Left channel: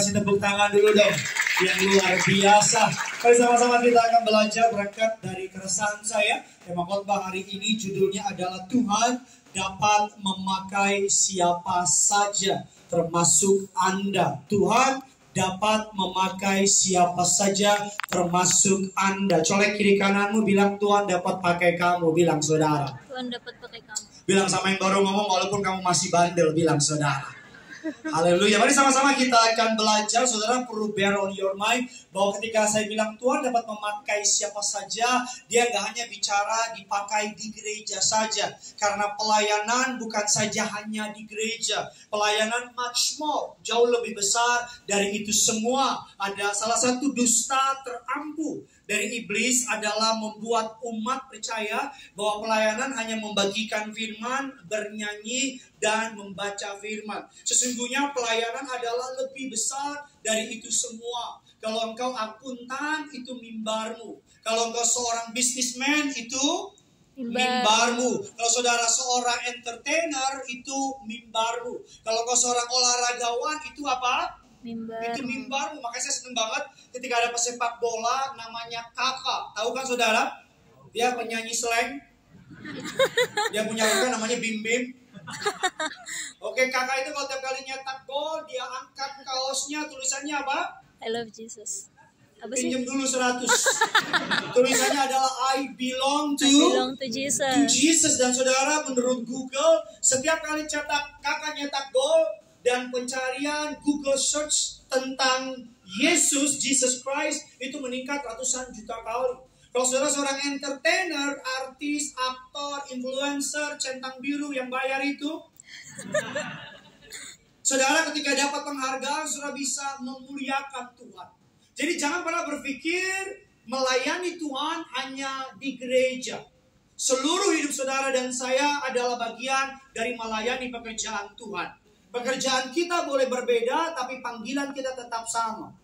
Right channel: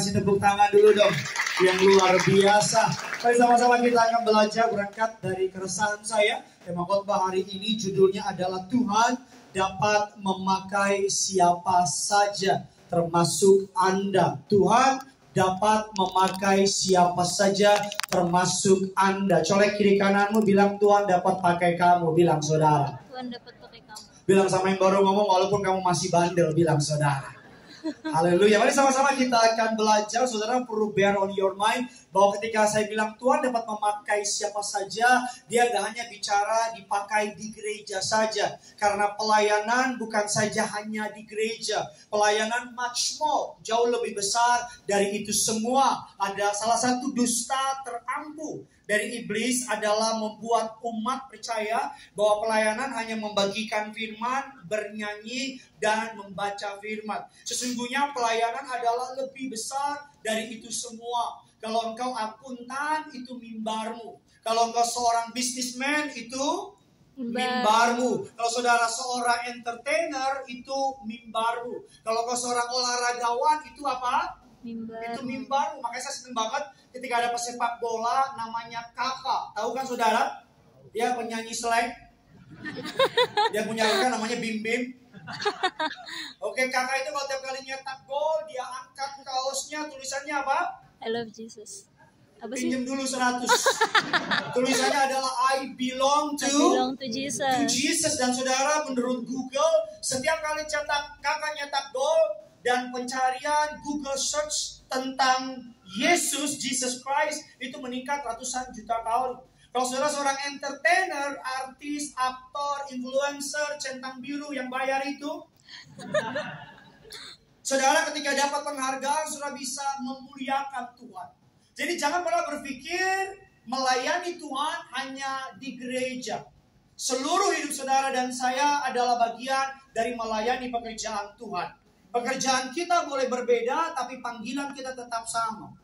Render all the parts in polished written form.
Kasih tepuk tangan dulu dong yang luar biasa. Mari sama-sama kita akan belajar berangkat dari keresahan saya. Tema khotbah hari ini judulnya adalah Tuhan dapat memakai siapa saja termasuk Anda. Tuhan dapat memakai siapa saja termasuk Anda. Colek kiri kananmu, bilang Tuhan dapat pakai kamu. Bilang saudara. Tuhan dapat pakai kamu. Bilang sama yang baru ngomong walaupun kamu masih bandel. Bilang saudara. Haleluya. Mari sama-sama kita akan belajar. Saudara perlu bear on your mind bahwa ketika saya bilang Tuhan dapat memakai siapa saja, dia gak hanya bicara dipakai di gereja saja. Karena pelayanan bukan saja hanya di gereja. Pelayanan much more, jauh lebih besar dari itu semua. Ada salah satu dusta terampuh dari iblis adalah membuat umat percaya bahwa pelayanan hanya membagikan firman, bernyanyi, dan membaca firman. Sesungguhnya pelayanan adalah lebih besar dari itu semua. Kalau engkau akuntan, itu mimbarmu. Kalau engkau seorang businessman, itu mimbarmu. Kalau saudara seorang entertainer, itu mimbarmu. Kalau kau seorang olahragawan, itu apa? Itu mimbarmu. Makanya saya senang banget ketika ada pesepak bola namanya Kakak. Tahu kan saudara? Dia penyanyi slang. Dia punya lagu namanya Bim Bim. Oke, Kakak itu kalau tiap kali nyetak gol, dia angkat kaosnya, tulisannya apa? I love Jesus. Apa sih? Pinjam dulu 100. Tulisannya adalah I belong to Jesus. To Jesus. Dan saudara, menurut Google, setiap kali Kakak nyetak gol dan pencarian Google search tentang Yesus, Jesus Christ, itu meningkat ratusan juta kali. Kalau saudara seorang entertainer, artis, aktor, influencer, centang biru yang bayar itu, saudara ketika dapat penghargaan, saudara bisa memuliakan Tuhan. Jadi jangan pernah berpikir melayani Tuhan hanya di gereja. Seluruh hidup saudara dan saya adalah bagian dari melayani pekerjaan Tuhan. Pekerjaan kita boleh berbeda, tapi panggilan kita tetap sama.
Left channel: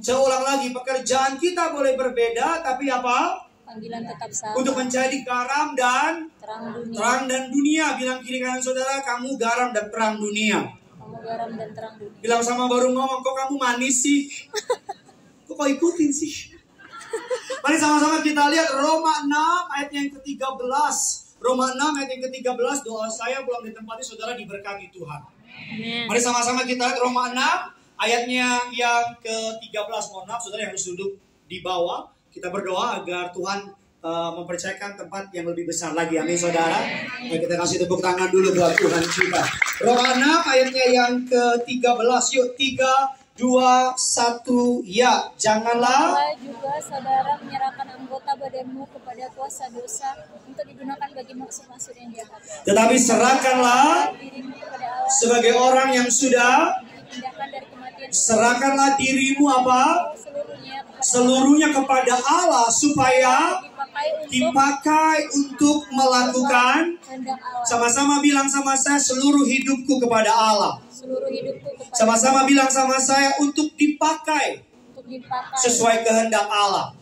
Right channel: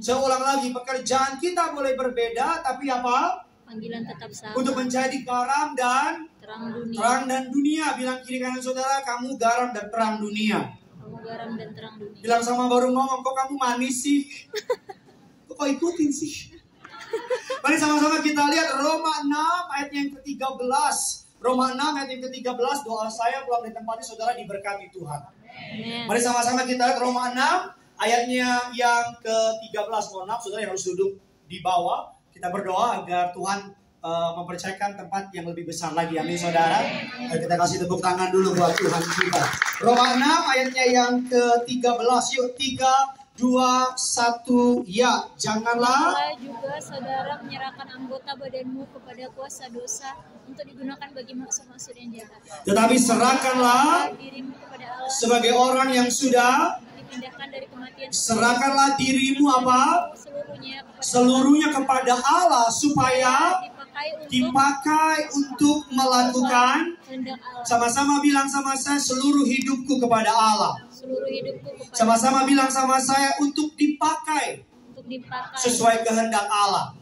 Saya ulang lagi, pekerjaan kita boleh berbeda, tapi apa? Panggilan tetap sama. Untuk menjadi garam dan terang dan dunia. Bilang kiri kanan saudara, kamu garam dan terang dunia. Kamu garam dan terang dunia. Bilang sama baru ngomong, kok kamu manis sih? Kok kau ikutin sih? Mari sama-sama kita lihat Roma 6 ayat yang ke-13. Roma 6 ayat yang ke-13, doa saya belum ditempati, saudara diberkati Tuhan. Amen. Mari sama-sama kita lihat Roma 6 ayatnya yang ke-13. Mohon maaf saudara yang harus duduk di bawah. Kita berdoa agar Tuhan mempercayakan tempat yang lebih besar lagi. Amin saudara. Kita kasih tepuk tangan dulu buat Tuhan kita. Roma 6 ayatnya yang ke-13. Yuk 3, 2, 1, ya. Janganlah juga saudara menyerahkan anggota badanmu kepada kuasa dosa untuk digunakan bagi maksud-maksud yang jahat. Tetapi serahkanlah dirimu kepada Allah sebagai orang yang sudah dipindahkan dari kematian. Serahkanlah dirimu apa? Seluruhnya kepada Allah supaya dipakai untuk melakukan. Sama-sama bilang sama saya, seluruh hidupku kepada Allah. Seluruh hidupku kepada Sama-sama bilang sama saya, untuk dipakai sesuai kehendak Allah.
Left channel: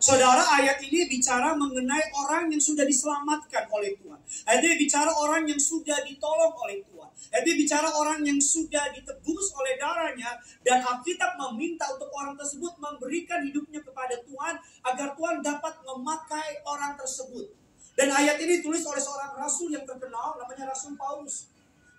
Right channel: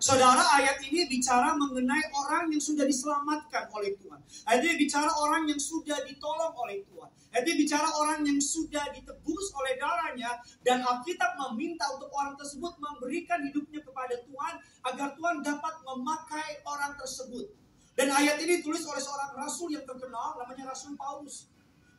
Saudara, ayat ini bicara mengenai orang yang sudah diselamatkan oleh Tuhan. Ayat ini bicara orang yang sudah ditolong oleh Tuhan. Ayat ini bicara orang yang sudah ditebus oleh darahnya. Dan Alkitab meminta untuk orang tersebut memberikan hidupnya kepada Tuhan, agar Tuhan dapat memakai orang tersebut. Dan ayat ini ditulis oleh seorang rasul yang terkenal, namanya Rasul Paulus.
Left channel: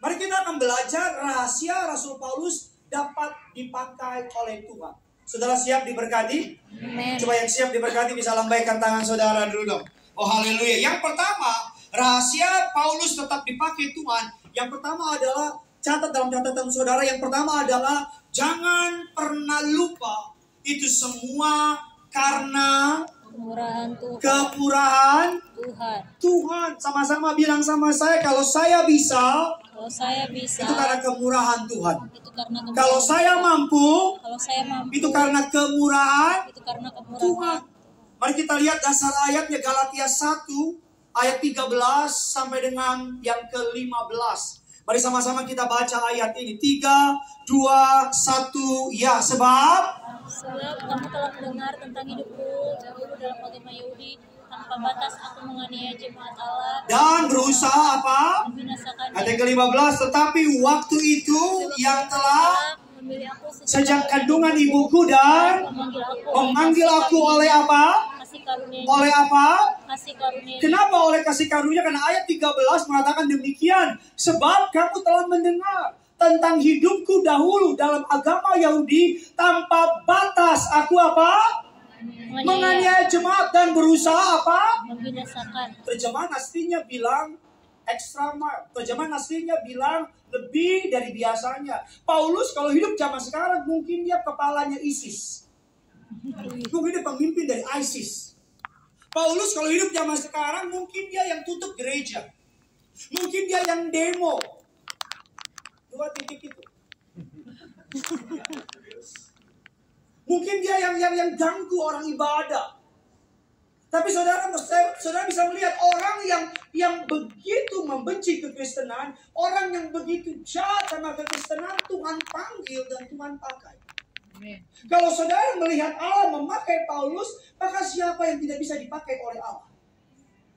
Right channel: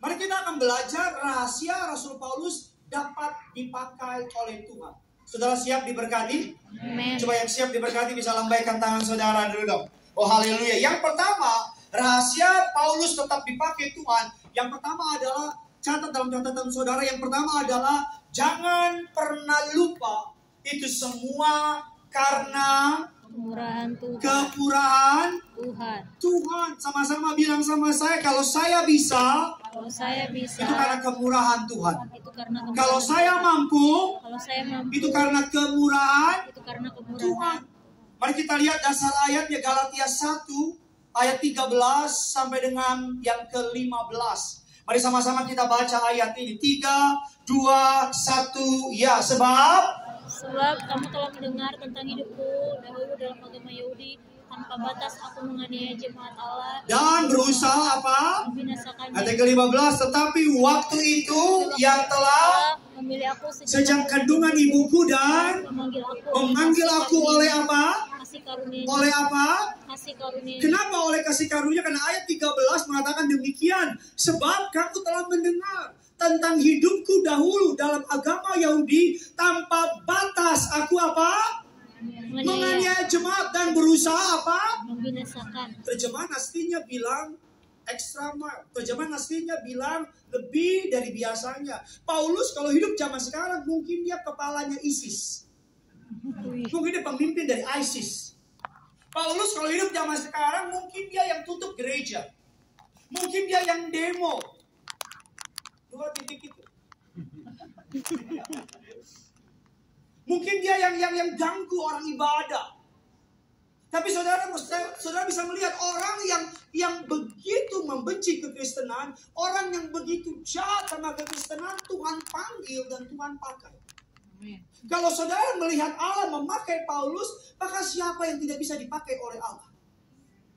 Mari kita akan belajar rahasia Rasul Paulus dapat dipakai oleh Tuhan. Saudara siap diberkati? Amen. Coba yang siap diberkati bisa lambaikan tangan saudara dulu dong. Oh haleluya. Yang pertama, rahasia Paulus tetap dipakai Tuhan. Yang pertama adalah, catat dalam catatan saudara, yang pertama adalah jangan pernah lupa itu semua karena kemurahan Tuhan. Sama-sama bilang sama saya, kalau saya bisa, itu karena kemurahan Tuhan. Kalau saya mampu, itu karena kemurahan Tuhan. Mari kita lihat dasar ayatnya, Galatia 1 ayat 13 sampai dengan yang ke-15. Mari sama-sama kita baca ayat ini. 3, 2, 1, ya. Sebab kamu telah mendengar tentang hidupku dahulu dalam agama Yahudi, tanpa batas aku menganiaya jemaat Allah dan berusaha apa? membinasakan Ayat yang ke-15, tetapi waktu itu yang telah memilih aku sejak kandungan ibuku dan memanggil aku oleh apa? kasih karunia Oleh apa? kasih karunia Kenapa oleh kasih karunia? Karena ayat 13 mengatakan demikian. Sebab kamu telah mendengar tentang hidupku dahulu dalam agama Yahudi tanpa batas. Aku apa? Menganiaya jemaat dan berusaha apa? membinasakan. Terjemahan aslinya bilang extra mile. Terjemahan aslinya bilang lebih dari biasanya. Paulus kalau hidup zaman sekarang mungkin dia kepalanya ISIS. Mungkin dia pemimpin dari ISIS. Paulus kalau hidup zaman sekarang mungkin dia yang tutup gereja. Mungkin dia yang demo. Dua titik itu. Mungkin dia yang ganggu orang ibadah. Tapi saudara bisa melihat orang yang begitu membenci kekristenan, orang yang begitu jahat sama kekristenan, Tuhan panggil dan Tuhan pakai. Amen. Kalau saudara melihat Allah memakai Paulus, maka siapa yang tidak bisa dipakai oleh Allah?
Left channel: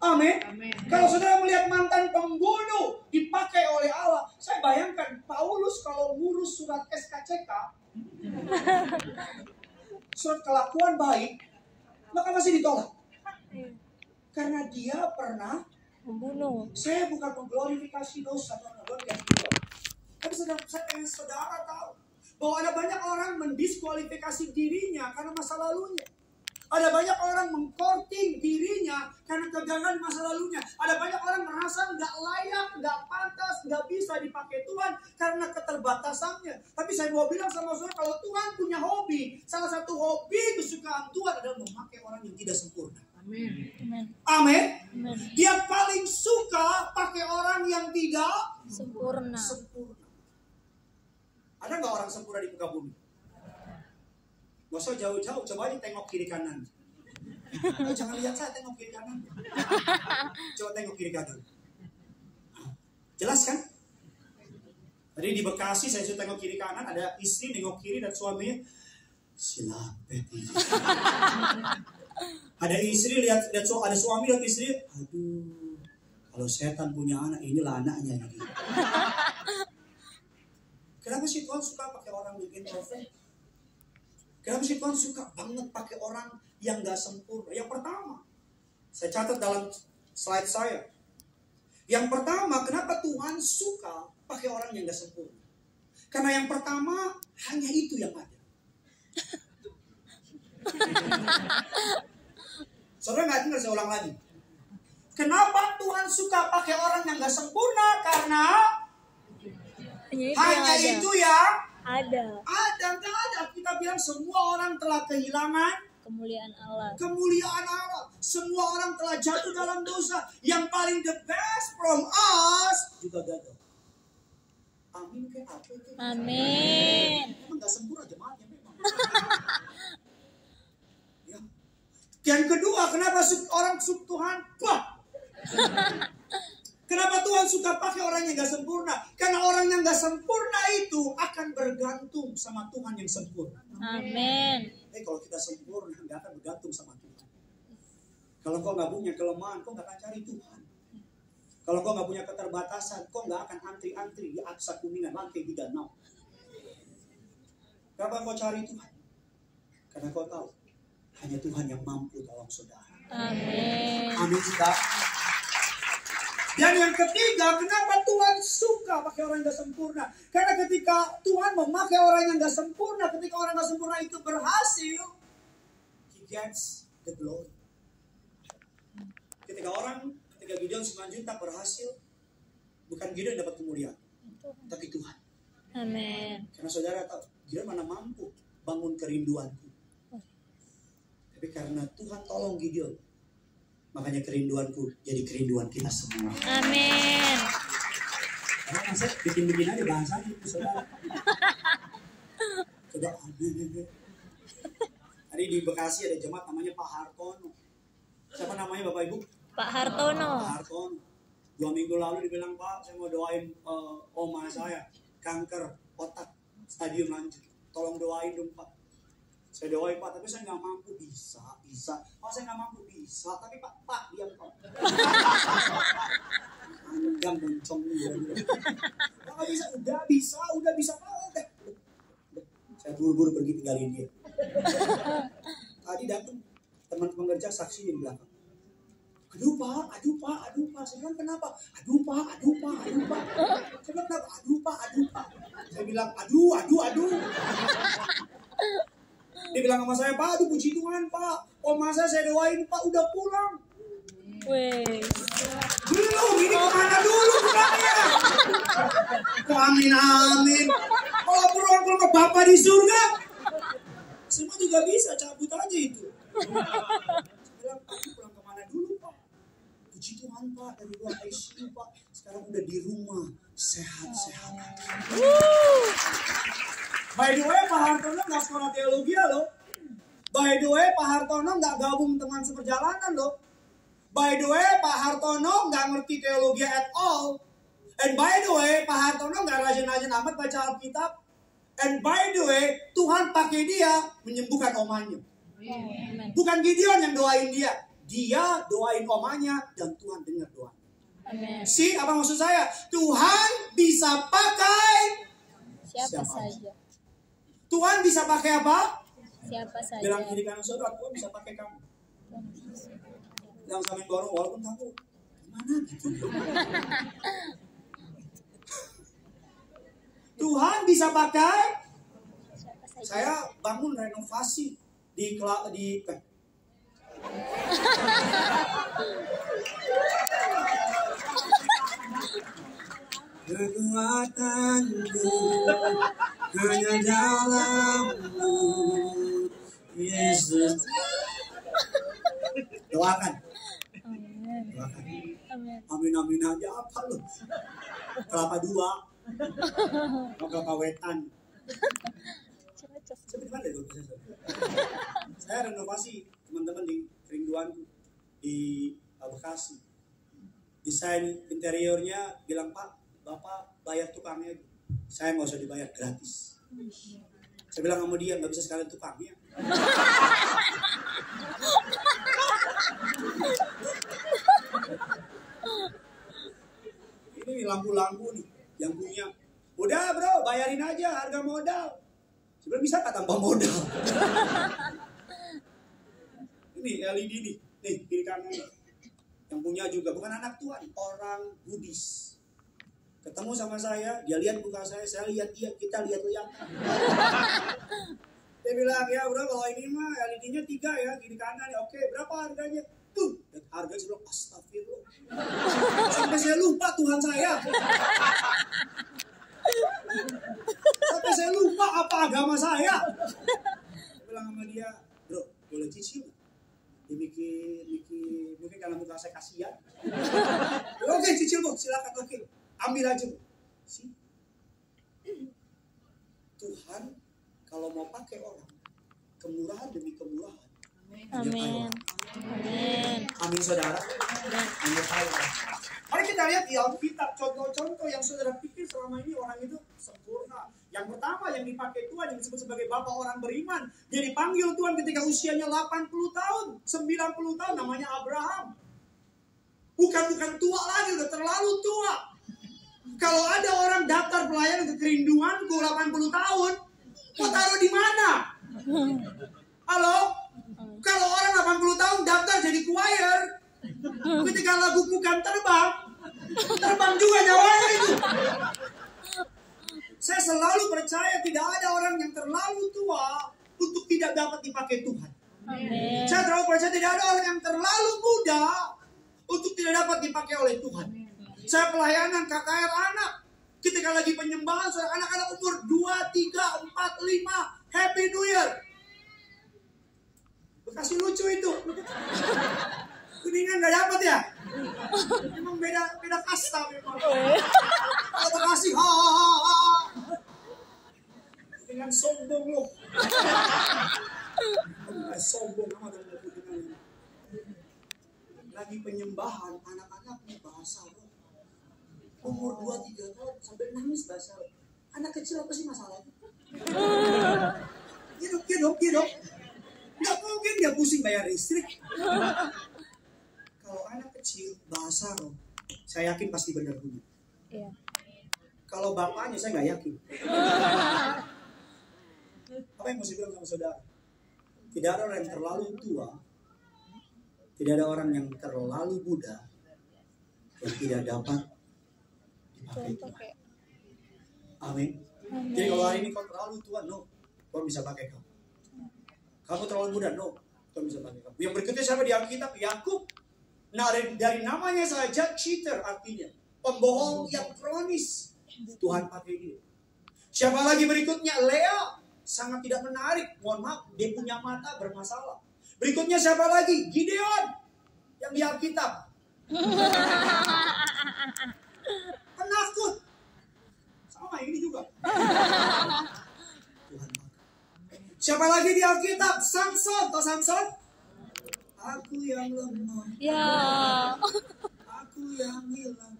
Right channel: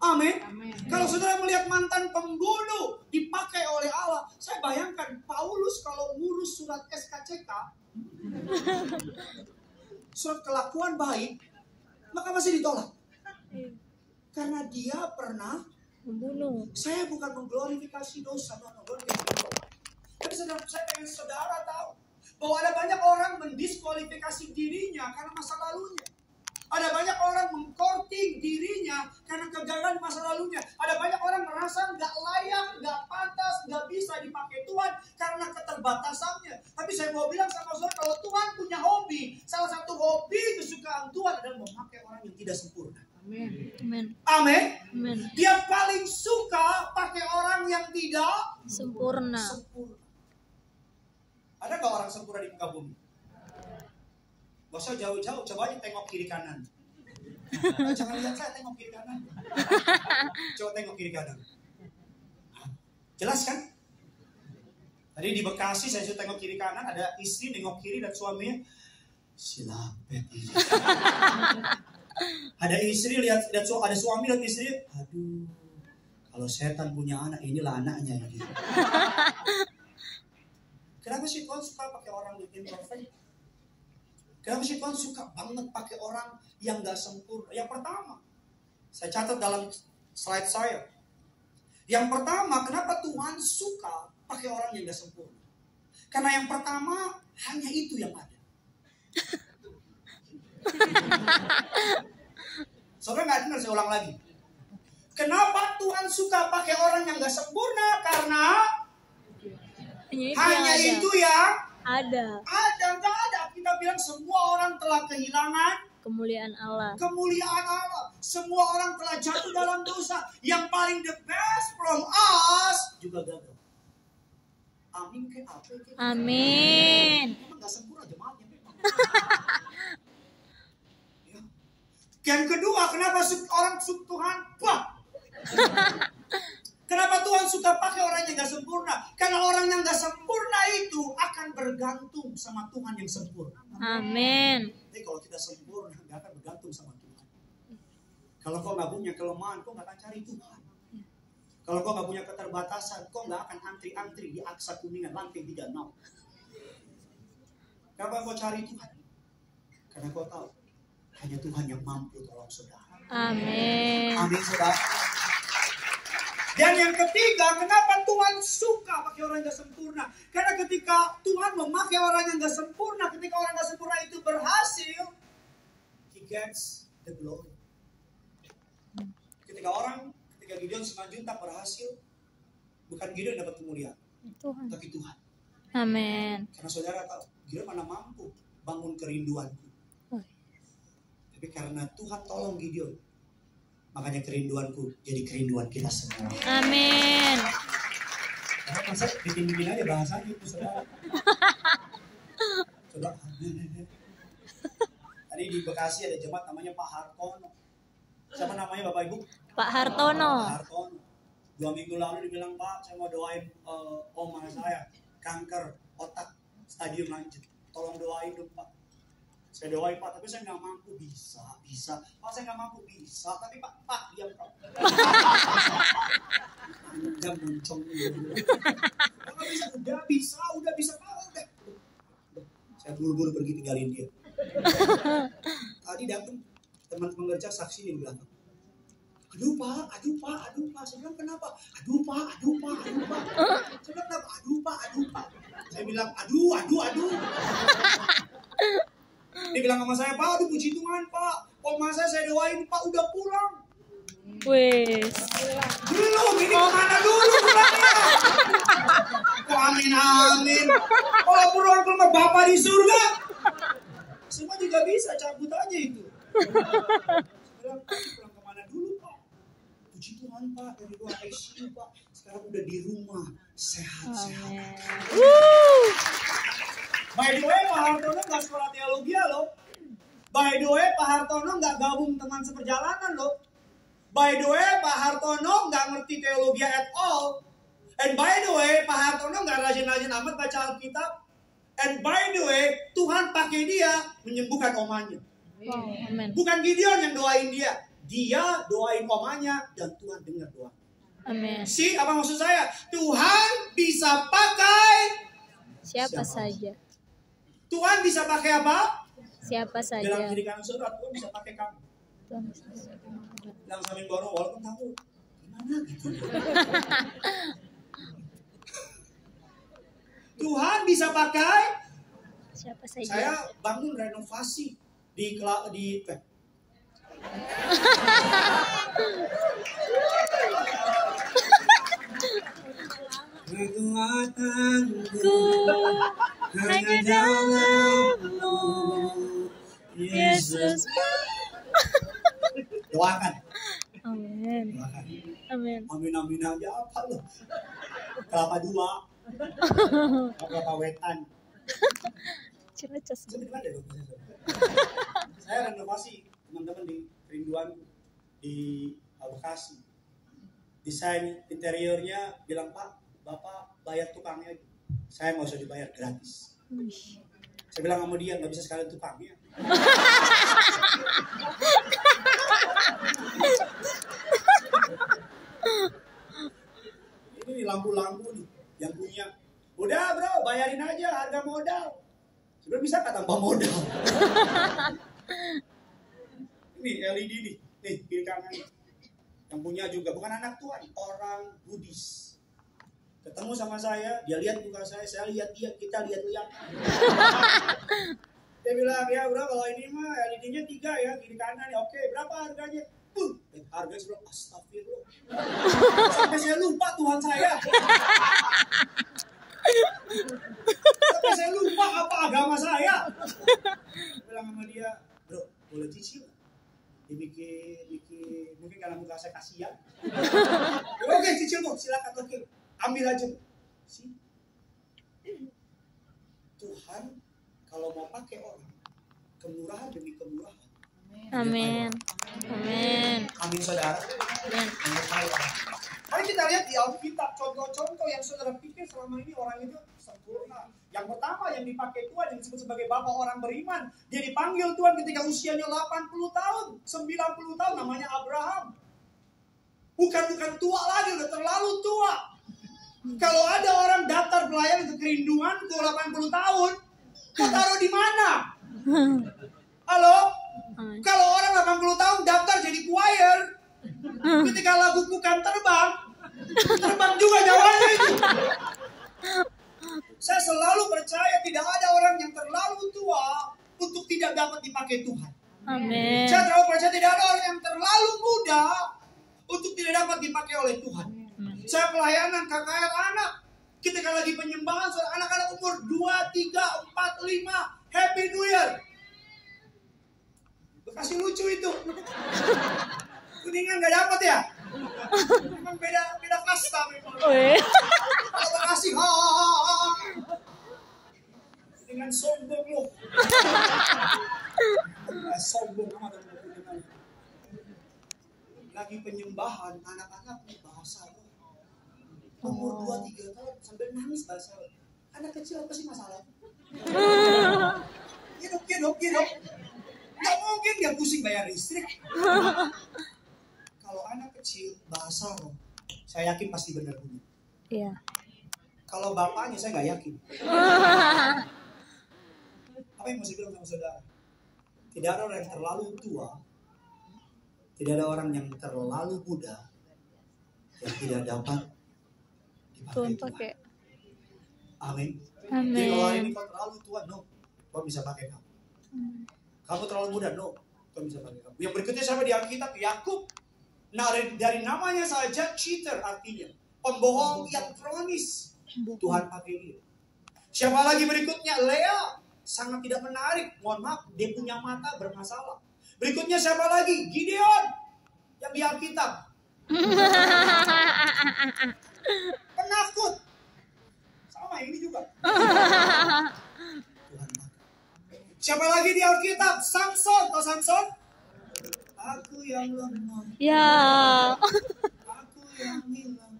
Amin. Kalau saudara melihat mantan pembunuh dipakai oleh Allah, saya bayangkan Paulus kalau ngurus surat SKCK, surat kelakuan baik, maka masih ditolak. Karena dia pernah membunuh. Saya bukan mengglorifikasi dosa, tapi saya pengen saudara tahu bahwa ada banyak orang mendiskualifikasi dirinya karena masa lalunya. Ada banyak orang mengkorting dirinya karena kegagalan masa lalunya. Ada banyak orang merasa nggak layak, nggak pantas, nggak bisa dipakai Tuhan karena keterbatasannya. Tapi saya mau bilang sama saudara, kalau Tuhan punya hobi, salah satu hobi kesukaan Tuhan adalah memakai orang yang tidak sempurna. Amin. Amin. Amin. Dia paling suka pakai orang yang tidak sempurna. Ada nggak orang sempurna di muka bumi? Gak usah jauh-jauh, coba aja tengok kiri kanan. Jangan lihat saya, tengok kiri kanan. Coba tengok kiri kanan. Jelas kan? Tadi di Bekasi saya suruh tengok kiri kanan, ada istri nengok kiri dan suaminya silapet. Ada istri lihat, ada suami lihat istri, aduh, kalau setan punya anak, inilah anaknya. Gitu. Kenapa sih Tuhan suka pakai orang yang introvert? Kenapa sih Tuhan suka banget pakai orang yang gak sempurna? Yang pertama, saya catat dalam slide saya. Yang pertama, kenapa Tuhan suka pakai orang yang gak sempurna? Karena yang pertama, hanya itu yang ada. Saudara gak dengar, saya ulang lagi. Kenapa Tuhan suka pakai orang yang gak sempurna? Karena hanya itu yang ada. Enggak ada. Kita bilang semua orang telah kehilangan kemuliaan Allah. Kemuliaan Allah. Semua orang telah jatuh dalam dosa. Yang paling the best from us juga gagal. Amin ke apa? Amin. Memang gak sempurna jemaatnya memang. Ya. Yang kedua, kenapa orang Tuhan? Wah. Kenapa Tuhan suka pakai orang yang gak sempurna? Karena orang yang gak sempurna itu akan bergantung sama Tuhan yang sempurna. Amin. Kalau kita sempurna, gak akan bergantung sama Tuhan. Kalau kau gak punya kelemahan, kau gak akan cari Tuhan. Kalau kau gak punya keterbatasan, kau gak akan antri-antri di Aksa Kuningan lantai 36. Kenapa kau cari Tuhan? Karena kau tahu, hanya Tuhan yang mampu tolong saudara. Amin. Amin saudara. Dan yang ketiga, kenapa Tuhan suka pakai orang yang gak sempurna? Karena ketika Tuhan memakai orang yang gak sempurna, ketika orang gak sempurna itu berhasil, He gets the glory. Ketika Gideon Simanjuntak berhasil, bukan Gideon dapat kemuliaan, tapi Tuhan. Amin. Karena saudara tahu, Gideon mana mampu bangun kerinduanku. Tapi karena Tuhan tolong Gideon, makanya kerinduanku jadi kerinduan kita semua. Amin. Karena saya bikin aja bahasanya itu saudara. Saudara. Tadi di Bekasi ada jemaat namanya Pak Hartono. Siapa namanya Bapak Ibu? Pak Hartono. Pak Hartono. 2 minggu lalu dibilang, Pak, saya mau doain oma saya kanker otak stadium lanjut. Tolong doain dong Pak. Saya doain Pak, tapi saya nggak mampu. Bisa. Pak, saya nggak mampu. Bisa, tapi Pak, diam Pak. Panjang moncong dia. Nggak bisa, udah bisa Pak, udah. Saya buru-buru pergi tinggalin dia. Tadi datang teman pengerja saksi di belakang. Aduh Pak. Saya bilang kenapa? Aduh Pak. Saya bilang kenapa? Aduh Pak. Saya bilang aduh. Dia bilang sama saya, Pak, aduh puji Tuhan Pak. Oma saya doain Pak udah pulang. Wes. Belum, ini kemana dulu pulangnya? Kok amin. Kalau pulang ke rumah Bapak di surga, semua juga bisa, cabut aja itu. Saya bilang, Pak, pulang kemana dulu Pak? Puji Tuhan Pak, dari ruang ICU Pak. Sekarang udah di rumah, sehat-sehat. By the way, Pak Hartono nggak sekolah teologi loh. By the way, Pak Hartono nggak gabung teman seperjalanan loh. By the way, Pak Hartono nggak ngerti teologi at all. And by the way, Pak Hartono nggak rajin-rajin amat baca Alkitab. And by the way, Tuhan pakai dia menyembuhkan omanya. Amen. Bukan Gideon yang doain dia. Dia doain omanya dan Tuhan dengar doa. Amin. See, apa maksud saya? Tuhan bisa pakai Siapa saja. Tuhan bisa pakai apa? Siapa saja. Bilang kiri kanan saudara, Tuhan bisa pakai kamu. Bilang samping dorong, walaupun tahu gimana gitu. Tuhan bisa pakai. Siapa saja. Saya bangun renovasi di kekuatanku hanya dalam-Mu, Yesus. Doakan. Amin. Doakan. Amin. Aja apa loh? Kelapa dua. Kelapa wetan. Saya renovasi teman-teman di kerinduanku di Bekasi. Desain interiornya bilang Pak, Bapak bayar tukangnya. Saya nggak usah dibayar, gratis. Saya bilang sama dia nggak bisa sekalian tukangnya. Ini lampu-lampu nih yang punya. Udah bro, bayarin aja harga modal. Sebenarnya bisa nggak tambah modal? Ini LED nih kiri kanan. Yang punya juga bukan anak Tuhan, orang Buddhis. Ketemu sama saya, dia lihat muka saya lihat dia, kita lihat. Dia bilang, ya bro kalau ini mah LED-nya 3 ya, kiri kanan ya. Oke, berapa harganya? Harganya sebelum astagfirullah. Sampai saya lupa Tuhan saya. Sampai saya lupa apa agama saya. Saya bilang sama dia, bro boleh cicil? Dia mikir, mungkin karena muka saya kasihan. Oke, cicil bro, silakan oke. Ambil aja. Tuhan kalau mau pakai orang, kemurahan demi kemurahan. Amin. Amin saudara. Mari kita lihat di Alkitab contoh-contoh yang saudara pikir selama ini orang itu sempurna. Yang pertama yang dipakai Tuhan yang disebut sebagai Bapak orang beriman. Dia dipanggil Tuhan ketika usianya 80 tahun, 90 tahun, namanya Abraham. Bukan tua lagi, udah terlalu tua. Kalau ada orang daftar pelayan ke kerinduanku 80 tahun, mau taruh di mana? Halo? Kalau orang 80 tahun daftar jadi choir, ketika lagu bukan terbang juga nyawanya itu. Saya selalu percaya tidak ada orang yang terlalu tua untuk tidak dapat dipakai Tuhan. Amin. Saya terlalu percaya tidak ada orang yang terlalu muda untuk tidak dapat dipakai oleh Tuhan. Saya pelayanan KKR anak. Ketika lagi penyembahan, anak-anak umur 2, 3, 4, 5. Happy New Year. Bekasi lucu itu. Kuningan gak dapat ya? Memang beda kasta memang. Kalau Bekasi, dengan sombong loh. Sombong amat dengan Kuningan. Lagi penyembahan, anak-anak bahasa loh. Umur 2-3 tahun sambil nangis bahasa. Anak kecil apa sih masalahnya? You dong. Nggak mungkin dia pusing bayar listrik. Kalau anak kecil bahasa roh, saya yakin pasti benar bunyi. Iya. Kalau bapaknya saya nggak yakin. Apa yang mau saya bilang sama saudara? Tidak ada orang yang terlalu tua, tidak ada orang yang terlalu muda yang tidak dapat Tuhan dipakai pakai. Tuhan. Amin. Jadi kalau hari ini kau terlalu tua, no, kau bisa pakai kamu. Kamu terlalu muda, no, kau bisa pakai kamu. Yang berikutnya siapa di Alkitab? Yakub. Nah, dari namanya saja cheater artinya pembohong yang kronis. Tuhan pakai dia. Siapa lagi berikutnya? Lea. Sangat tidak menarik. Mohon maaf, dia punya mata bermasalah. Berikutnya siapa lagi? Gideon. Yang di Alkitab. Penakut. Sama ini juga. Tuhan pakai. Siapa lagi di Alkitab? Samson. Tahu Samson? Aku yang lemah. Ya. Aku yang hilang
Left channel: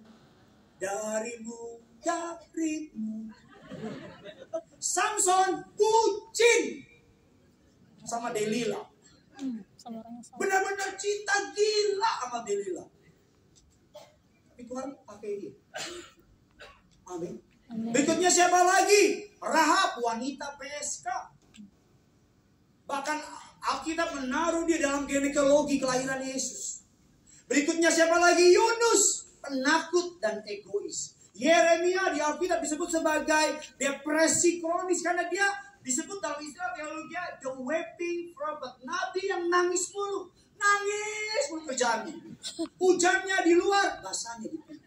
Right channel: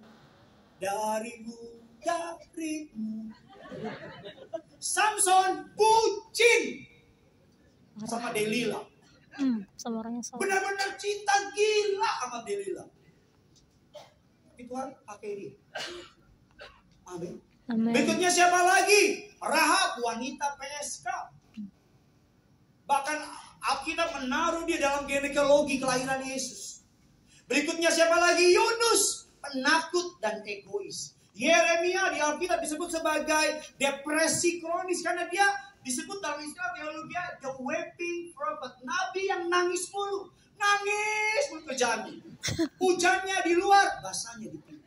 darimu. Samson bucin sama Delila. Sama orang yang salah. Benar-benar cinta gila sama Delila. Tapi Tuhan pakai dia. Amin. Amin. Berikutnya siapa lagi? Rahab, wanita PSK. Bahkan Alkitab menaruh dia dalam genealogi kelahiran Yesus. Berikutnya siapa lagi? Yunus, penakut dan egois. Yeremia di Alkitab disebut sebagai depresi kronis karena dia disebut dalam istilah teologi the weeping prophet, nabi yang nangis mulu kerjaannya. Hujannya di luar, basahnya di pintu.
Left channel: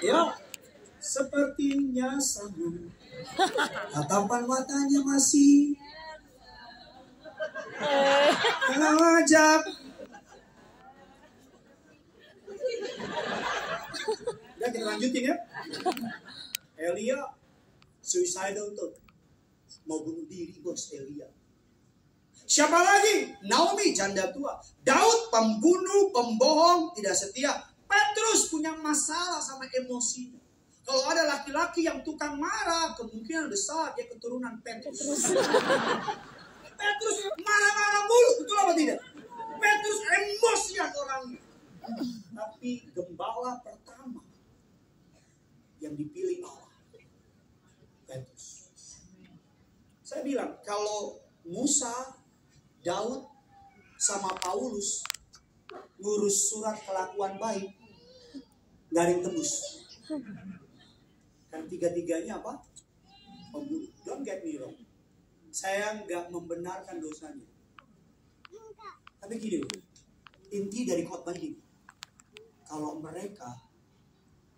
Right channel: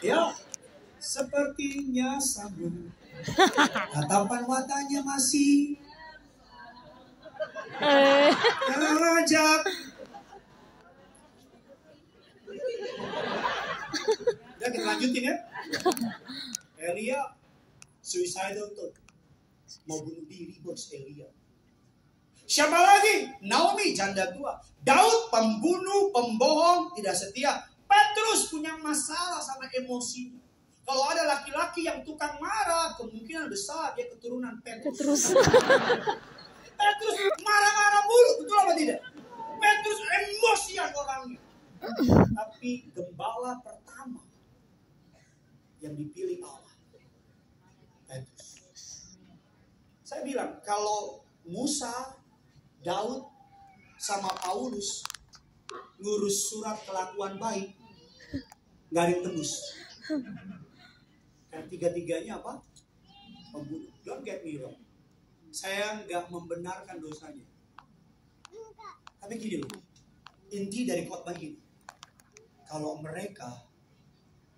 Ya, sepertinya sambung. Tatapan matanya masih ngajak. Dan kita lanjutin ya. Elia suicidal tuh. Mau bunuh diri bos Elia. Siapa lagi? Naomi janda tua. Daud pembunuh, pembohong, tidak setia. Petrus punya masalah sama emosinya. Kalau ada laki-laki yang tukang marah, kemungkinan besar dia keturunan Petrus. Petrus marah-marah mulu, betul apa tidak? Petrus emosian orangnya. Tapi gembala pertama yang dipilih Allah, Petrus. Saya bilang kalau Musa, Daud, sama Paulus ngurus surat kelakuan baik, nggak ada yang tembus. Karena tiga-tiganya apa? Pembunuh. Don't get me wrong. Saya nggak membenarkan dosanya. Tapi gini loh, inti dari khotbah ini, kalau mereka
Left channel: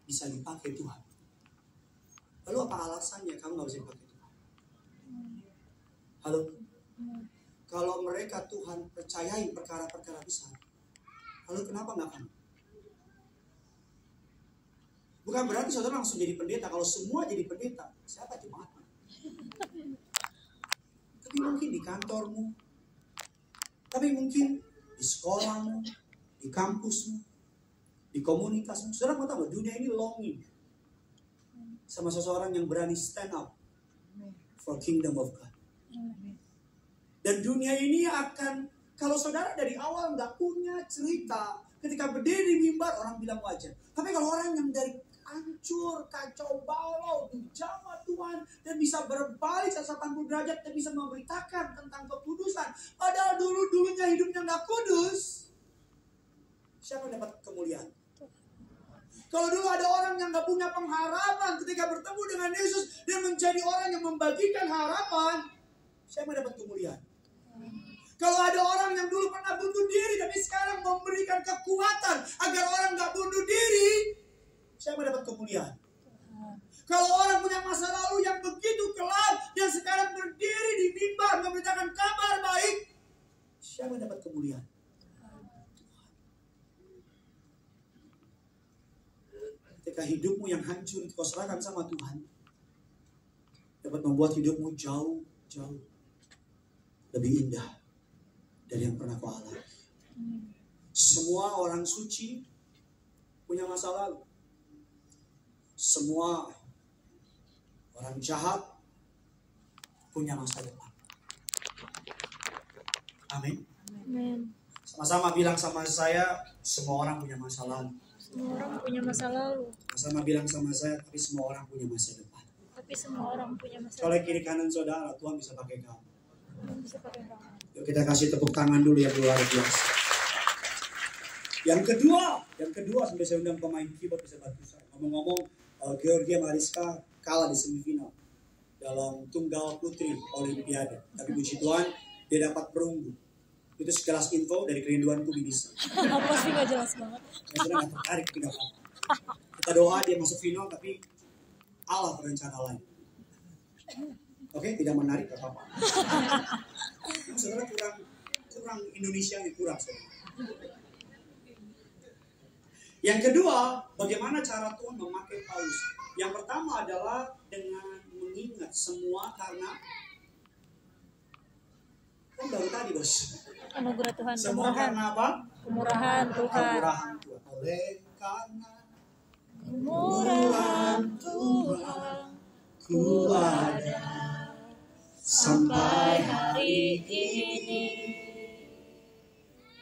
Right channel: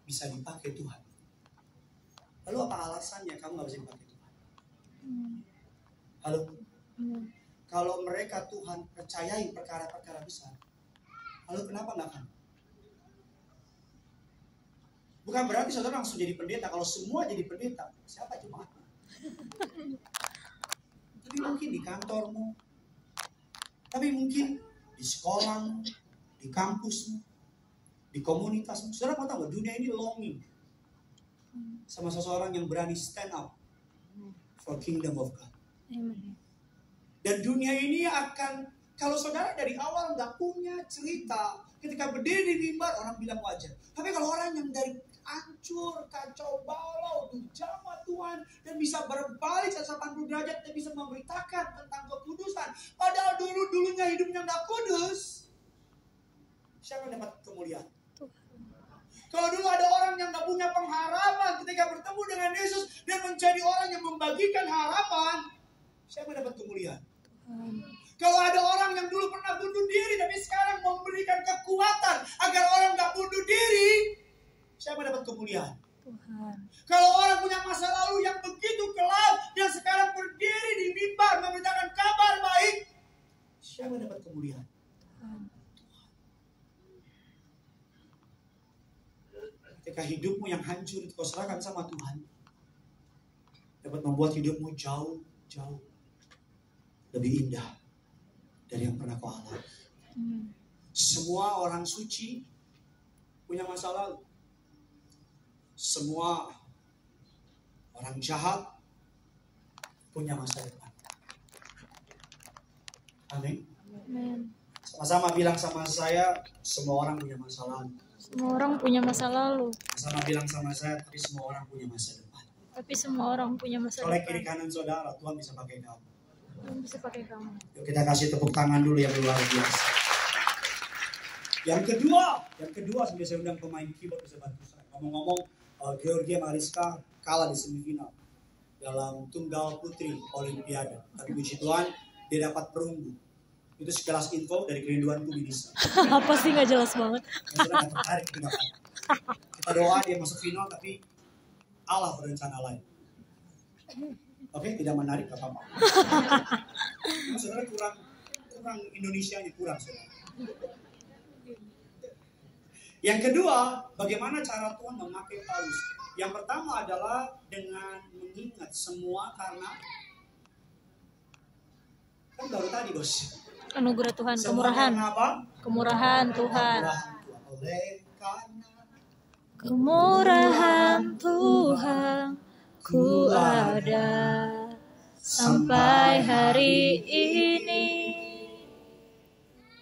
bisa dipakai Tuhan, lalu apa alasannya kamu nggak bisa dipakai Tuhan? Halo? Kalau mereka Tuhan percayai perkara-perkara besar, lalu kenapa nggak kamu? Bukan berarti saudara langsung jadi pendeta. Kalau semua jadi pendeta, siapa jemaatnya? Tapi mungkin di kantormu, tapi mungkin di sekolahmu, di kampusmu, di komunitasmu. Saudara mau tahu, dunia ini longing sama seseorang yang berani stand up for kingdom of God. Dan dunia ini akan, kalau saudara dari awal nggak punya cerita, ketika berdiri di mimbar orang bilang wajar. Tapi kalau orang yang dari hancur, kacau balau, dijamah Tuhan, dan bisa berbalik 180 derajat dan bisa memberitakan tentang kekudusan, padahal dulunya hidupnya nggak kudus, siapa yang dapat kemuliaan? Kalau dulu ada orang yang nggak punya pengharapan, ketika bertemu dengan Yesus dan menjadi orang yang membagikan harapan, siapa yang dapat kemuliaan? Kalau ada orang yang dulu pernah bunuh diri tapi sekarang memberikan kekuatan agar orang nggak bunuh diri, siapa yang dapat kemuliaan? Kalau orang punya masa lalu yang begitu kelam dan sekarang berdiri di mimbar memberitakan kabar baik, siapa yang dapat kemuliaan? Ketika hidupmu yang hancur kau serahkan sama Tuhan, dapat membuat hidupmu jauh lebih indah dari yang pernah kau alami. Semua orang suci punya masa lalu. Semua orang jahat punya masa depan. Amin. Amin. Sama-sama bilang sama saya, semua orang punya masa lalu. Semua orang punya masa lalu, Sama bilang sama saya, tapi semua orang punya masa depan. tapi semua orang punya masa Oleh depan. kiri kanan saudara, Tuhan bisa pakai kamu. Tuhan bisa pakai kamu. Yuk kita kasih tepuk tangan dulu yang luar biasa. Yang kedua sampai saya undang pemain keyboard bisa bantu saya. Ngomong-ngomong, Georgia Mariska kalah di semifinal dalam tunggal putri Olimpiade. Tapi puji Tuhan, dia dapat perunggu. Itu sekelas info dari kerinduanku bisa. Apa sih nggak jelas banget? Saya nggak tertarik itu dapat. Kita doa dia masuk final, tapi Allah berencana lain. Oke, tidak menarik gak apa-apa. Saudara kurang Indonesia ini kurang saudara. Yang kedua, bagaimana cara Tuhan memakai Paulus? Yang pertama adalah dengan mengingat semua karena kan baru tadi bos. Anugerah Tuhan, Semua kemurahan, karena apa? kemurahan Tuhan, Kemurahan Tuhan. Oleh karena kemurahan Tuhan, ku ada sampai hari ini.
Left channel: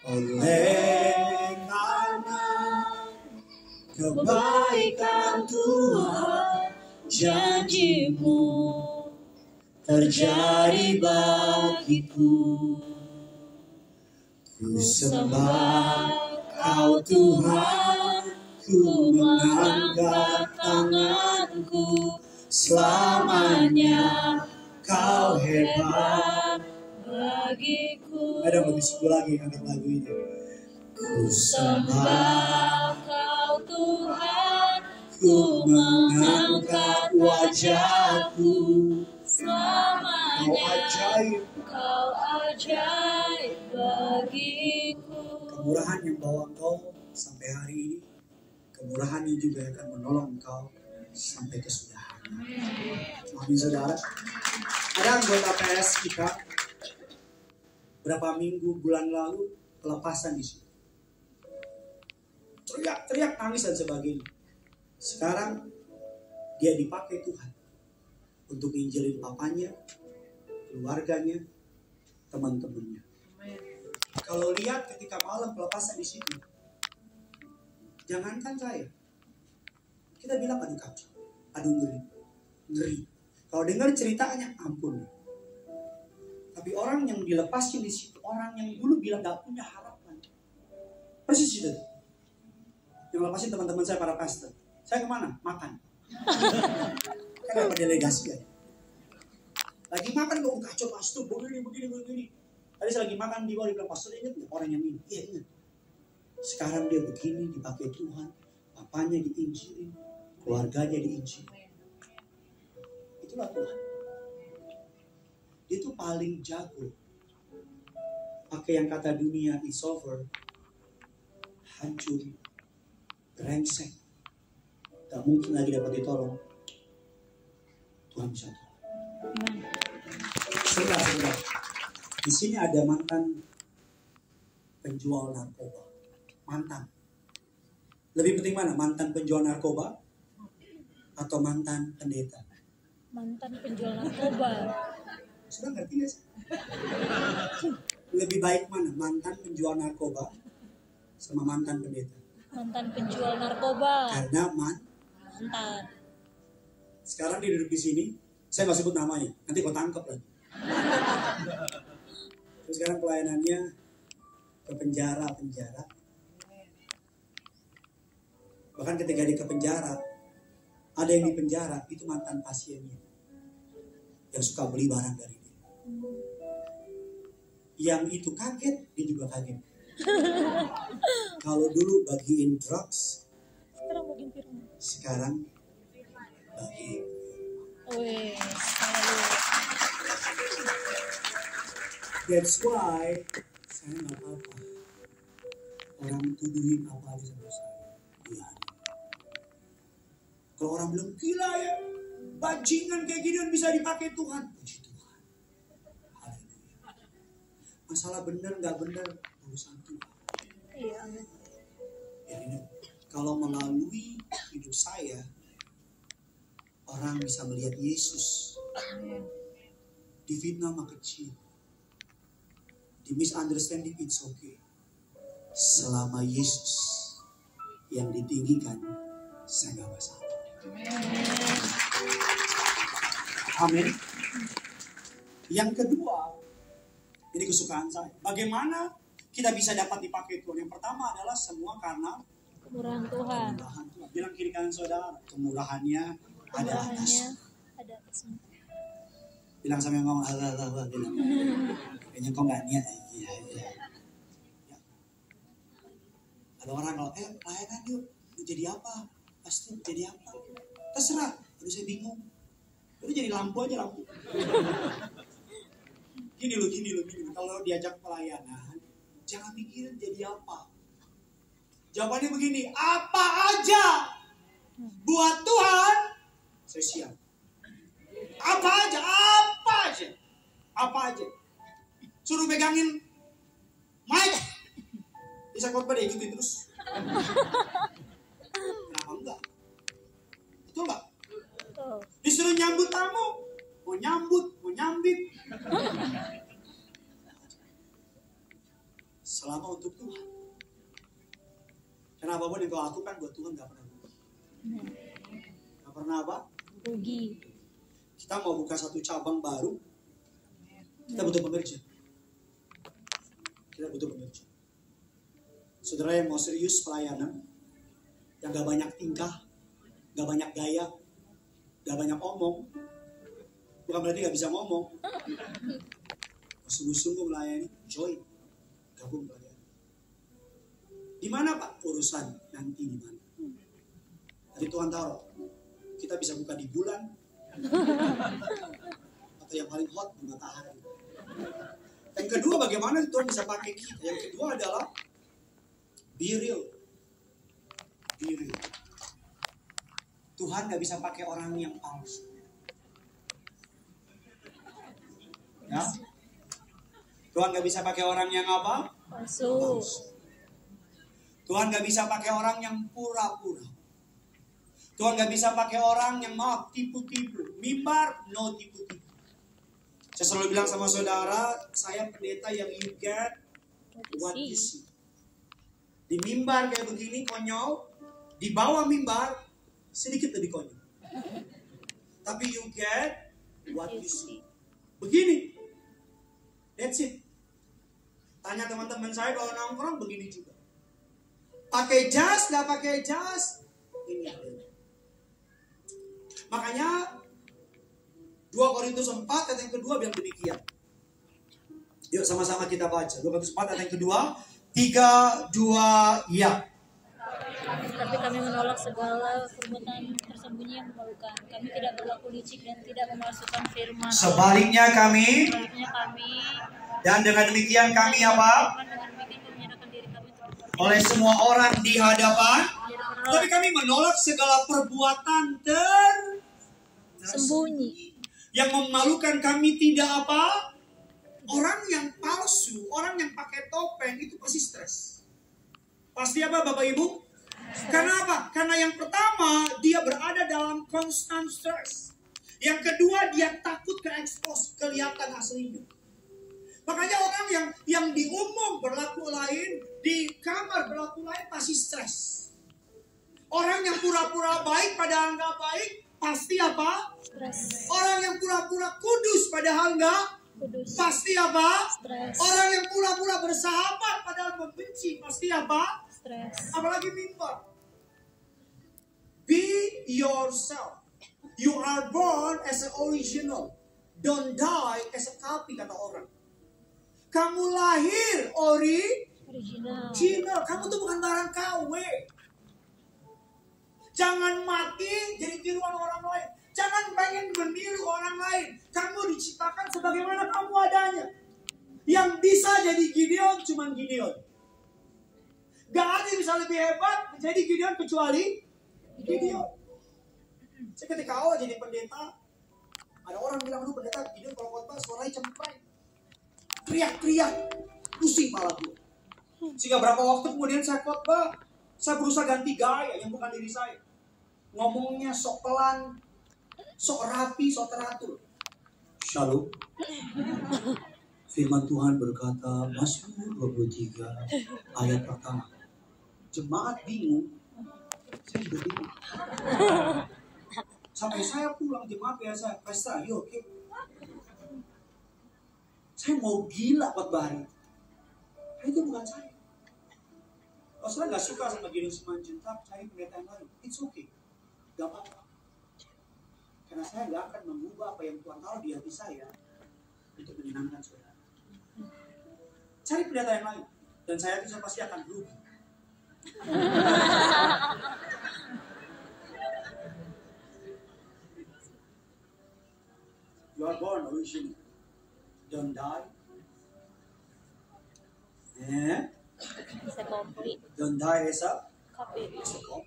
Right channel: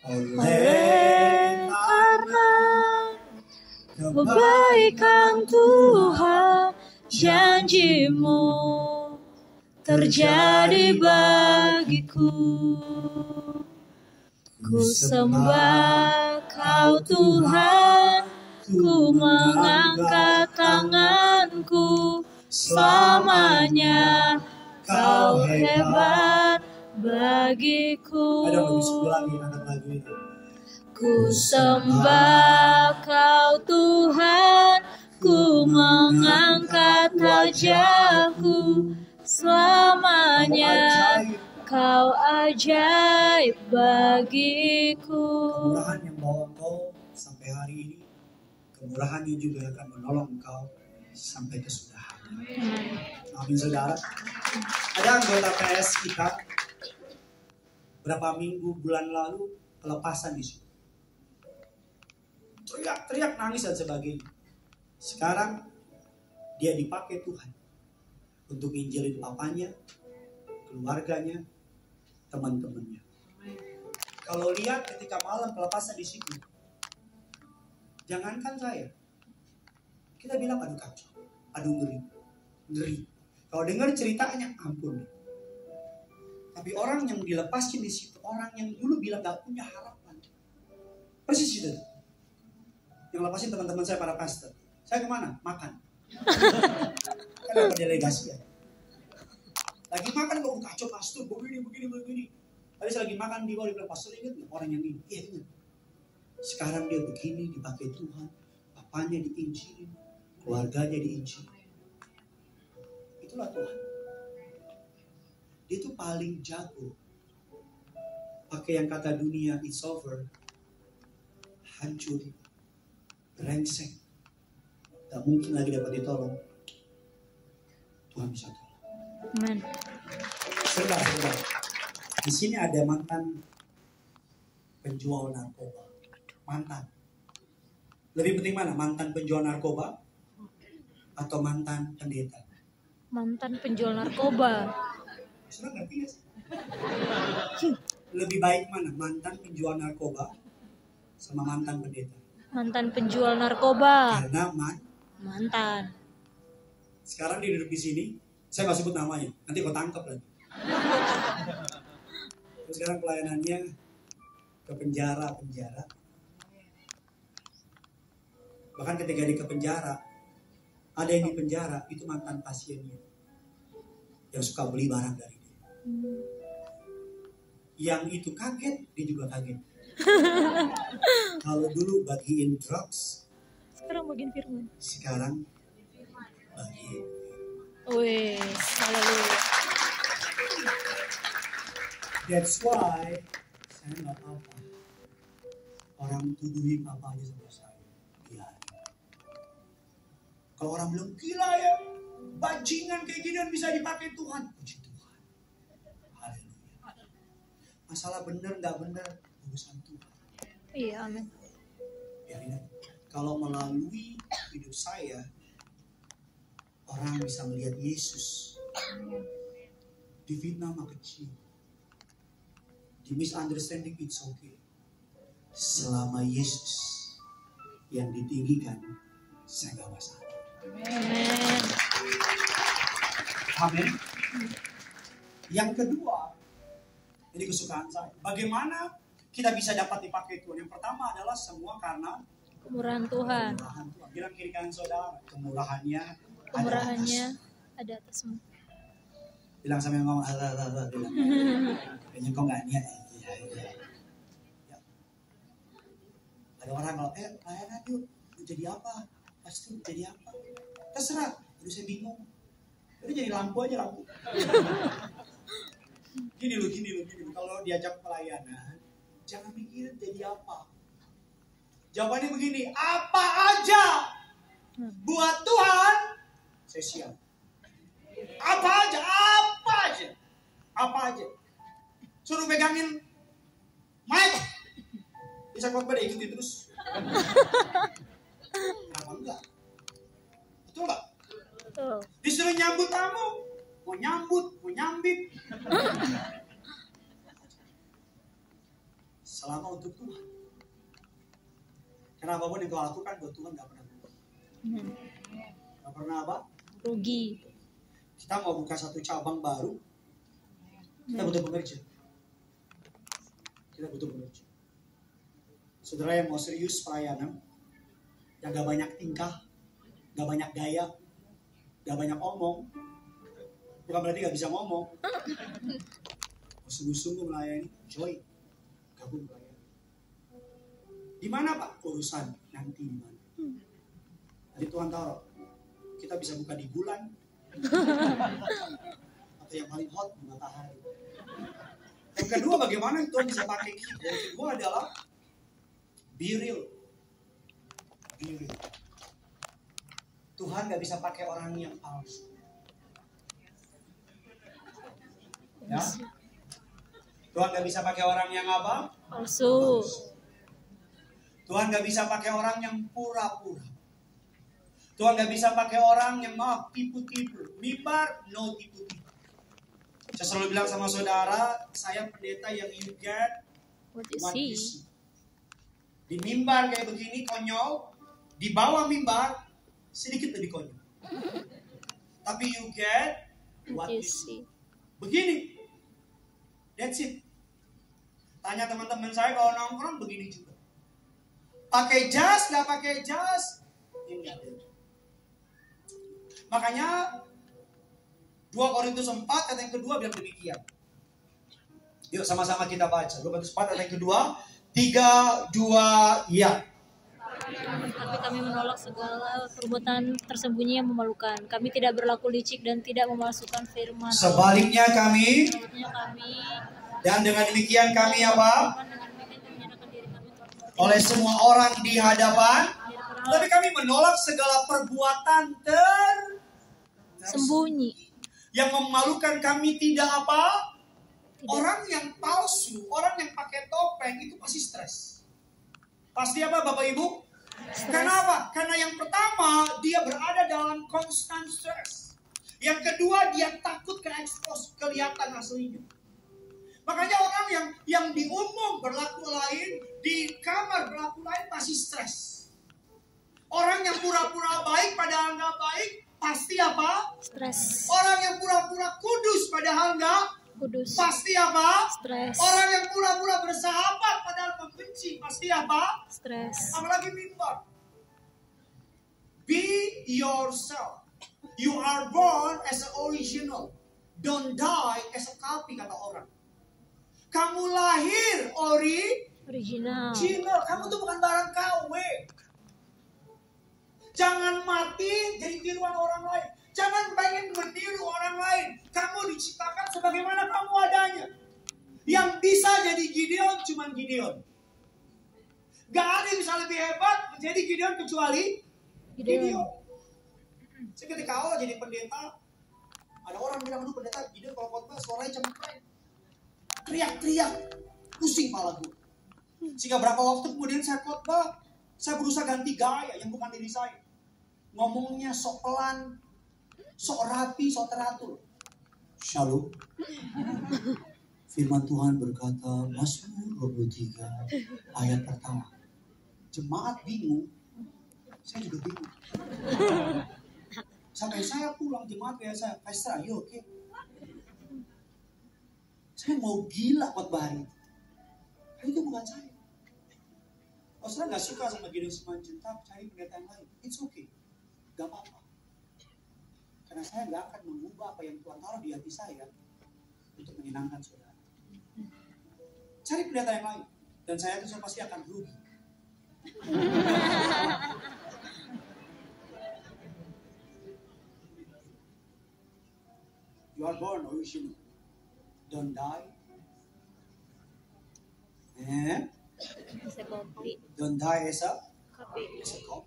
oleh karena Kebaikan Tuhan, janji-Mu terjadi bagiku. Ku sembah Kau Tuhan, ku mengangkat tanganku, selamanya Kau hebat bagiku. ada lebih sepuluh lagi angkat lagu itu. Ku sembah Kau Tuhan, ku mengangkat wajahku, selamanya Kau ajaib bagiku. Kemurahan yang bawa engkau sampai hari ini, kemurahannya juga akan menolong engkau sampai kesudahan. Amin saudara. Ada anggota PS kita berapa minggu bulan lalu pelepasan di situ. Teriak-teriak nangis dan sebagainya. Sekarang dia dipakai Tuhan untuk injilin papanya, keluarganya, teman-temannya. Kalau lihat ketika malam pelepasan di situ, jangankan saya, kita bilang aduh kacau, aduh ngeri. Kalau dengar ceritanya ampun. Tapi orang yang dilepasin di situ, orang yang dulu bilang gak punya harapan, persis itu. Yang lepasin teman-teman saya para pastor. Saya kemana? Makan. Kan dapat delegasi ya. Lagi makan kok kacau pastor, begini. Tadi saya lagi makan di bawah, dia bilang, pastor ingat gak orang yang ini? Iya ingat. Sekarang dia begini, dipakai Tuhan. Papanya diinjilin, keluarganya diinjilin. Itulah Tuhan. Dia tuh paling jago. Pakai yang kata dunia, it's over. Hancur. Brengsek. Gak mungkin lagi dapat ditolong. Tuhan bisa tolong. Amen. Sebentar. Di sini ada mantan penjual narkoba. Mantan. Lebih penting mana? Mantan penjual narkoba atau mantan pendeta? Mantan penjual narkoba. Sudah ngerti gak sih? Lebih baik mana? Mantan penjual narkoba sama mantan pendeta? Mantan penjual narkoba. Karena Mantan. sekarang dia duduk di sini. Saya nggak sebut namanya. Nanti kau tangkap lagi. Terus sekarang pelayanannya ke penjara. Bahkan ketika dia ke penjara, ada yang di penjara itu mantan pasiennya yang suka beli barang dari dia. Yang itu kaget, dia juga kaget. Kalau dulu bagiin drugs, Sekarang bagian firman. sekarang bagiin. Wih, haleluya. That's why saya nggak apa-apa. Orang tuduhin apa aja sama saya. Biarin. Kalau orang bilang gila ya, bajingan kayak gini bisa dipakai Tuhan. Puji Tuhan. Haleluya. Masalah benar nggak benar urusan Tuhan. Iya, amin. Biarin aja. Kalau melalui hidup saya, orang bisa melihat Yesus. Difitnah mah kecil. Di misunderstanding it's okay. Selama Yesus yang ditinggikan, saya gak masalah. Amin. Yang kedua, ini kesukaan saya. Bagaimana kita bisa dapat dipakai Tuhan? Yang pertama adalah semua karena Kemurahan Tuhan. kemurahan Tuhan. Bilang kiri kanan saudara, kemurahannya ada Kemurahannya atas. ada atasmu. Bilang sama yang ngomong, bilang. Kayaknya kau gak niat. Iya. Ya. Ada orang kalau, layanan yuk, mau jadi apa? Pasti jadi apa? Terserah, aduh saya bingung. Udah jadi lampu aja lampu. Gini loh. Kalau diajak pelayanan, jangan mikirin jadi apa. Jawabannya begini, apa aja buat Tuhan, saya siap. Apa aja. Suruh pegangin mic, bisa khotbah deh, ikutin terus. Kenapa enggak? Betul enggak? Betul. Disuruh nyambut tamu, mau nyambit. Selama untuk Tuhan. Karena apapun yang kau lakukan buat Tuhan gak pernah berubah. Gak pernah apa? Rugi. Kita mau buka satu cabang baru, kita butuh pekerja. Saudara yang mau serius pelayanan, yang gak banyak tingkah, gak banyak gaya, gak banyak omong, bukan berarti gak bisa ngomong. Sungguh-sungguh melayani, join, gabung melayani. Di mana Pak urusan nanti di mana? Tadi Tuhan taruh, kita bisa buka di bulan, atau yang paling hot di matahari. Yang kedua, bagaimana Tuhan bisa pakai kita? Yang kedua adalah be real. Tuhan gak bisa pakai orang yang palsu. Ya? Tuhan gak bisa pakai orang yang apa? Palsu. Tuhan gak bisa pakai orang yang pura-pura. Tuhan gak bisa pakai orang yang tipu-tipu. Mimbar, no tipu-tipu. Saya selalu bilang sama saudara, saya pendeta yang you get what you see. Di mimbar kayak begini konyol, di bawah mimbar sedikit lebih konyol. Tapi you get what you see. Begini. That's it. Tanya teman-teman saya kalau nongkrong begini juga. Pakai jas, gak pakai jas, ini gak ada. Makanya 2 Korintus 4 ayat yang kedua bilang demikian. Yuk sama-sama kita baca. 2 Korintus 4 ayat yang kedua. 3, 2, ya. Tapi kami menolak segala perbuatan tersembunyi yang memalukan. Kami tidak berlaku licik dan tidak memalsukan firman. Sebaliknya kami. Dan dengan demikian kami apa? Oleh semua orang di hadapan. Tapi kami menolak segala perbuatan tersembunyi yang memalukan kami tidak apa? Orang yang palsu, orang yang pakai topeng itu pasti stres. Pasti apa Bapak Ibu? Kenapa? Karena yang pertama dia berada dalam constant stress. Yang kedua dia takut ke-expose, kelihatan aslinya. Makanya orang yang di umum berlaku lain, di kamar berlaku lain pasti stres. Orang yang pura-pura baik padahal nggak baik, pasti apa? Stres. Orang yang pura-pura kudus padahal nggak kudus, pasti apa? Stres. Orang yang pura-pura bersahabat padahal membenci, pasti apa? Stres. Apalagi mimbar. Be yourself. You are born as an original. Don't die as a copy, kata orang. Kamu lahir original. Kamu tuh bukan barang KW. Jangan mati jadi tiruan orang lain. Jangan pengen meniru orang lain. Kamu diciptakan sebagaimana kamu adanya. Yang bisa jadi Gideon cuman Gideon. Gak ada yang bisa lebih hebat menjadi Gideon kecuali Gideon. Saya ketika awal jadi pendeta, ada orang bilang, aduh pendeta Gideon kalau khotbah suaranya cempreng, teriak-teriak, pusing malah gue. Sehingga berapa waktu kemudian saya khotbah, saya berusaha ganti gaya yang bukan diri saya. Ngomongnya sok pelan, sok rapi, sok teratur. Shalom. Firman Tuhan berkata, Mazmur 23 ayat pertama. Jemaat bingung, saya juga bingung. Sampai saya pulang jemaat biasa, Pastor, ayo oke. Saya mau gila khotbah hari. Itu bukan saya. Kalau saya nggak suka sama Gideon Simanjuntak, cari pendeta yang lain. It's okay, gak apa-apa. Karena saya nggak akan mengubah apa yang Tuhan taruh di hati saya untuk menyenangkan saudara. Cari pendeta yang lain. Dan saya itu pasti akan rugi. You are born original. Don't die. Don't die as a copy.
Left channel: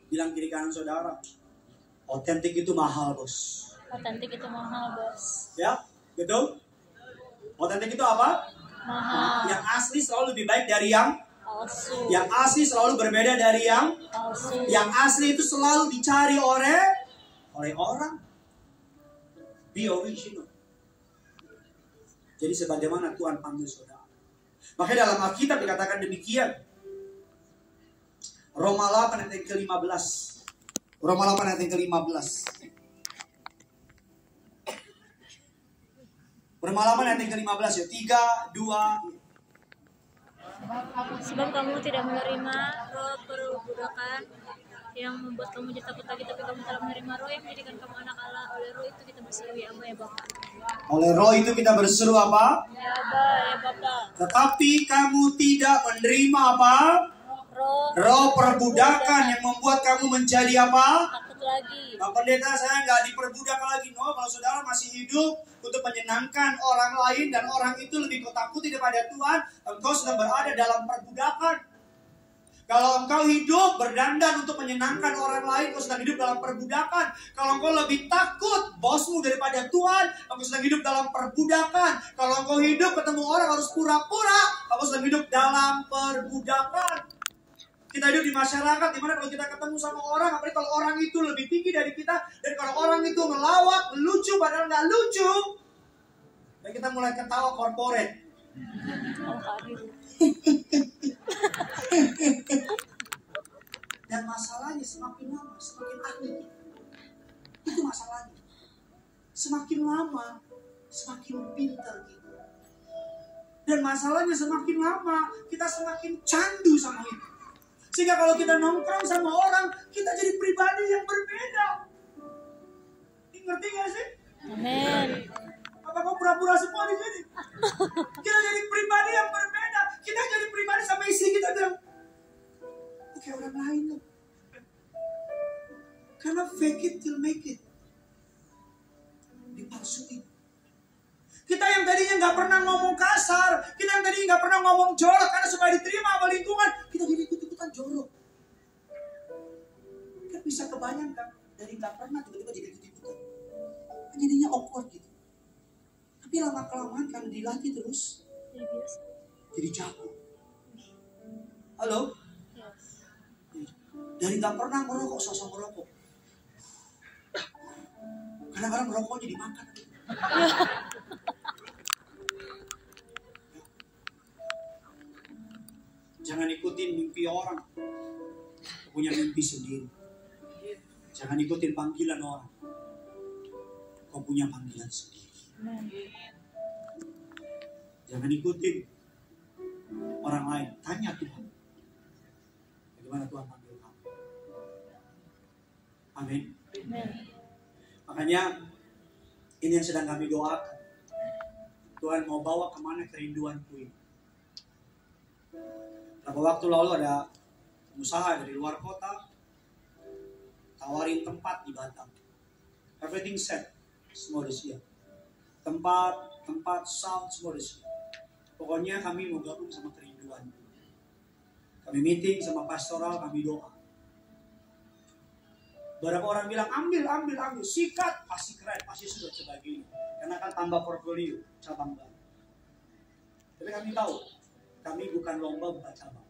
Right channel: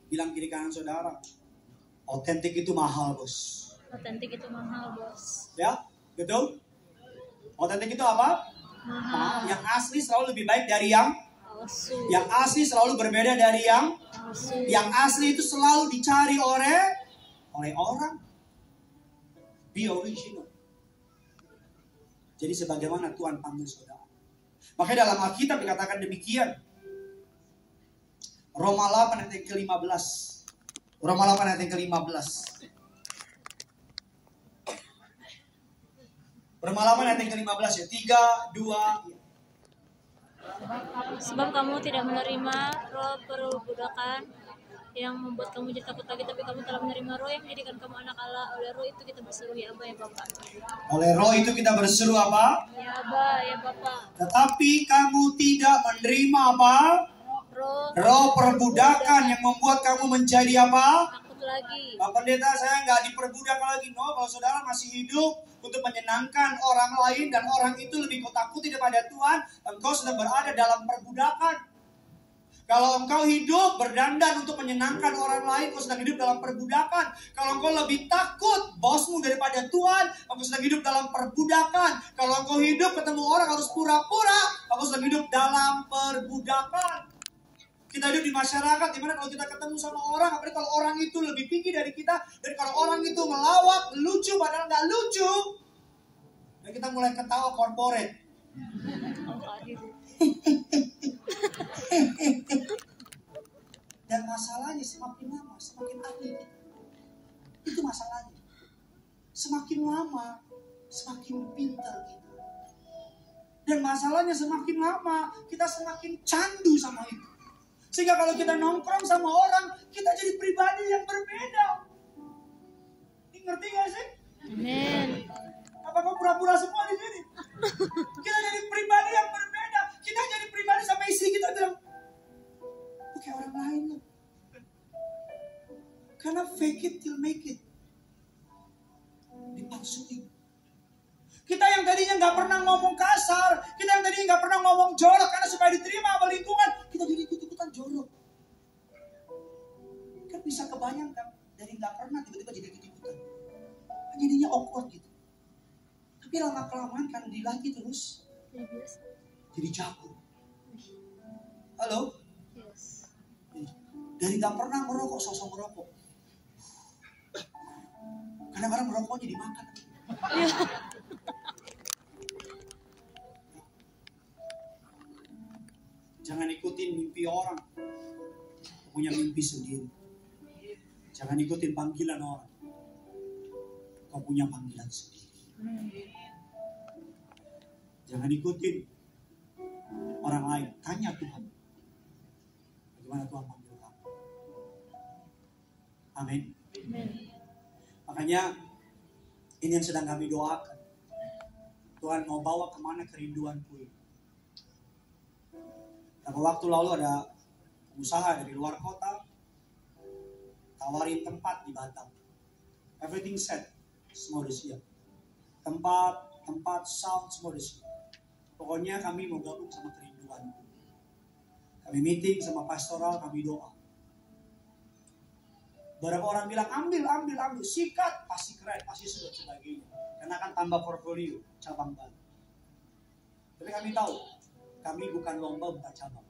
Bilang kiri kanan saudara. Otentik itu mahal, bos. Otentik itu mahal, bos. Ya, betul? Otentik itu apa? Mahal. Yang asli selalu lebih baik dari yang Palsu. Yang asli selalu berbeda dari yang Palsu. Yang asli itu selalu dicari oleh orang. Be original. Jadi sebagaimana Tuhan panggil saudara. Makanya dalam Alkitab dikatakan demikian. Roma 8 ayat yang ke-15. Roma 8 ayat yang ke-15. Roma 8 ayat yang ke-15 ya. 3, 2. Sebab kamu tidak menerima roh perbudakan yang membuat kamu jadi takut lagi, tapi kamu telah menerima roh yang menjadikan kamu anak Allah. Oleh roh itu kita berseru, ya Aba, ya Bapa. Oleh roh itu kita berseru apa? Ya Aba, ya Bapa. Tetapi kamu tidak menerima apa? Roh perbudakan yang membuat kamu menjadi apa? Takut lagi. Pak Pendeta, saya nggak diperbudak lagi. No, kalau saudara masih hidup untuk menyenangkan orang lain dan orang itu lebih kau takuti daripada Tuhan, engkau sedang berada dalam perbudakan. Kalau engkau hidup berdandan untuk menyenangkan orang lain, engkau sedang hidup dalam perbudakan. Kalau engkau lebih takut bosmu daripada Tuhan, engkau sedang hidup dalam perbudakan. Kalau engkau hidup ketemu orang harus pura-pura, engkau sedang hidup dalam perbudakan. Kita hidup di masyarakat dimana kalau kita ketemu sama orang, apalagi kalau orang itu lebih tinggi dari kita, dan kalau orang itu ngelawak, lucu padahal nggak lucu, dan kita mulai ketawa korporat. Dan masalahnya semakin lama semakin ahli. Itu masalahnya. Semakin lama semakin pintar kita. Dan masalahnya semakin lama kita semakin candu sama itu. Sehingga kalau kita nongkrong sama orang, kita jadi pribadi yang berbeda. Ngerti gak sih? Amin. Apa kau pura-pura semua di sini? Kita jadi pribadi yang berbeda. Kita jadi pribadi sama isi kita bilang, oke, orang lain loh. Karena fake it till make it. Dipalsuin. Kita yang tadinya nggak pernah ngomong kasar, kita yang tadinya nggak pernah ngomong jorok karena supaya diterima sama lingkungan, kita jadi ikut-ikutan jorok. Kan bisa kebayangkan dari nggak pernah tiba-tiba jadi ikut-ikutan. Kan jadinya awkward gitu. Tapi lama-kelamaan kan dilatih terus, jadi jago. Halo? Yes. Dari nggak pernah merokok, sosok merokok. Kadang-kadang merokoknya dimakan. Jangan ikutin mimpi orang, punya mimpi sendiri. Jangan ikutin panggilan orang, kau punya panggilan sendiri. Jangan ikutin orang lain, tanya Tuhan, bagaimana Tuhan panggil kamu. Amin. Makanya ini yang sedang kami doakan. Tuhan mau bawa kemana kerinduanku ini. Beberapa waktu lalu ada pengusaha dari luar kota tawarin tempat di Batam. Everything set, semua udah siap. Tempat, sound, semua udah siap. Pokoknya kami mau gabung sama kerinduanku. Kami meeting sama pastoral, kami doa. Beberapa orang bilang ambil, sikat, pasti keren, pasti sudah sebagainya. Karena akan tambah portfolio, cabang baru. Tapi kami tahu, kami bukan lomba buka cabang.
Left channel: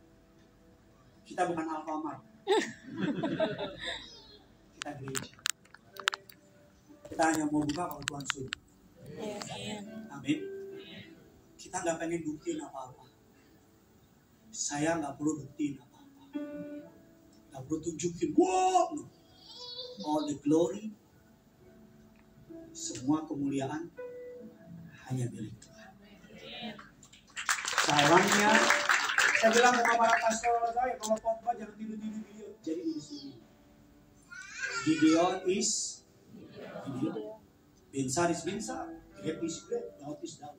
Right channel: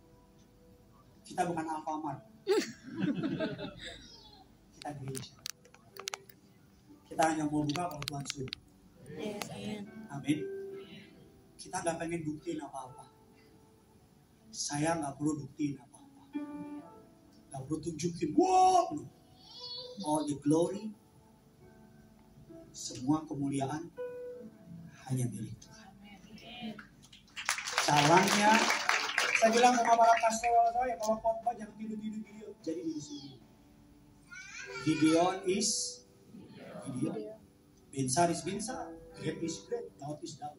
Kita bukan Alfamart. Kita gereja. Kita hanya mau buka kalau Tuhan suruh. Yes, amen. Amin. Kita nggak pengen buktiin apa-apa. Saya nggak perlu buktiin apa-apa. Nggak perlu tunjukin. Wow, no. All the glory, semua kemuliaan hanya milik Tuhan. Caranya, saya bilang sama para pastoral saya, kalau khotbah jangan tidur-tidur, jadi di sini. Gideon is Gideon. Binsar is Binsar. Great is great. Daud is Daud.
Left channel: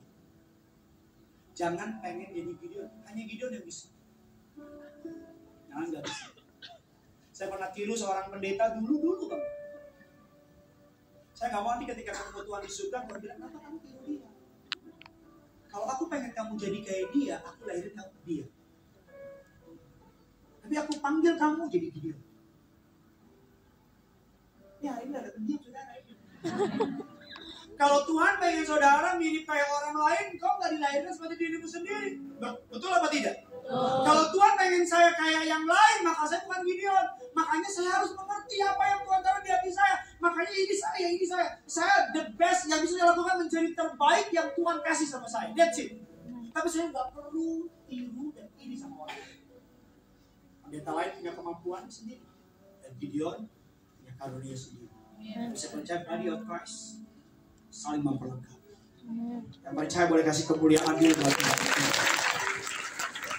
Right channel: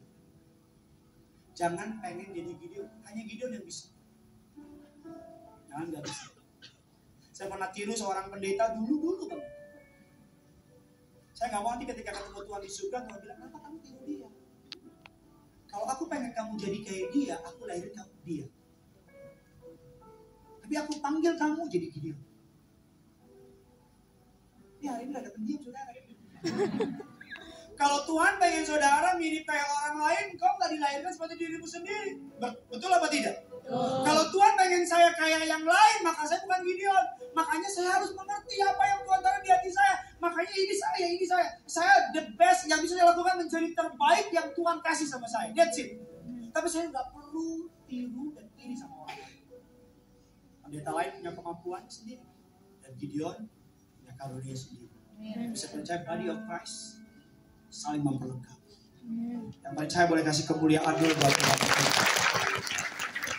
Jangan pengen jadi Gideon. Hanya Gideon yang bisa. Jangan nggak bisa. Saya pernah tiru seorang pendeta dulu kan. Saya nggak mau nanti ketika ketemu Tuhan di surga, Tuhan bilang, kenapa kamu tiru dia? Kalau aku pengen kamu jadi kayak dia, aku lahirin kamu dia. Tapi aku panggil kamu jadi Gideon. Ya hari ini ada pendiam saudara. Kalau Tuhan pengen saudara mirip kayak orang lain, kau nggak dilahirkan seperti dirimu sendiri. Betul apa tidak? Kalau Tuhan pengen saya kayak yang lain, maka saya bukan Gideon. Makanya saya harus mengerti apa yang Tuhan taruh di hati saya. Makanya ini saya. Saya the best yang bisa saya lakukan, menjadi terbaik yang Tuhan kasih sama saya. That's it. Tapi saya nggak perlu tiru dan iri sama orang lain. Pendeta lain punya kemampuan sendiri. Dan Gideon punya karunia sendiri. Bisa percaya body of Christ saling memperlengkapi. Yang percaya boleh kasih kemuliaan dulu buat Tuhan.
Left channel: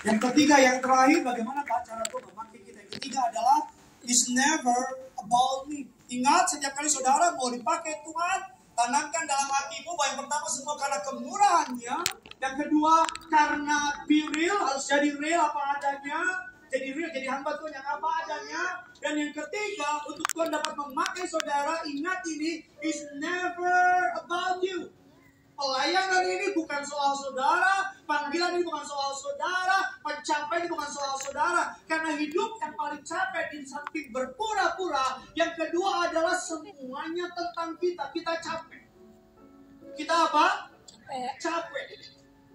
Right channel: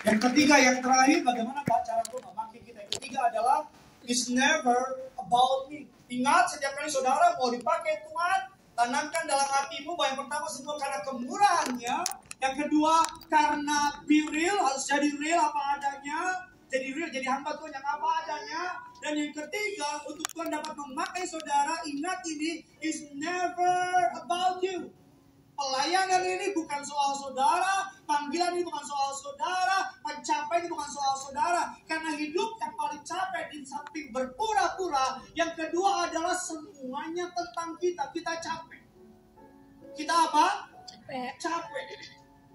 Yang ketiga, yang terakhir, bagaimana cara Tuhan memakai kita. Yang ketiga adalah it's never about me. Ingat, setiap kali saudara mau dipakai Tuhan, tanamkan dalam hatimu bahwa yang pertama semua karena kemurahannya. Yang kedua karena be real, harus jadi real apa adanya. Jadi real, jadi hamba Tuhan yang apa adanya. Dan yang ketiga, untuk Tuhan dapat memakai saudara, ingat ini, is never about you. Pelayanan ini bukan soal saudara, panggilan ini bukan soal saudara, pencapaian ini bukan soal saudara. Karena hidup yang paling capek di samping berpura-pura, yang kedua adalah semuanya tentang kita. Kita capek. Kita apa? Capek.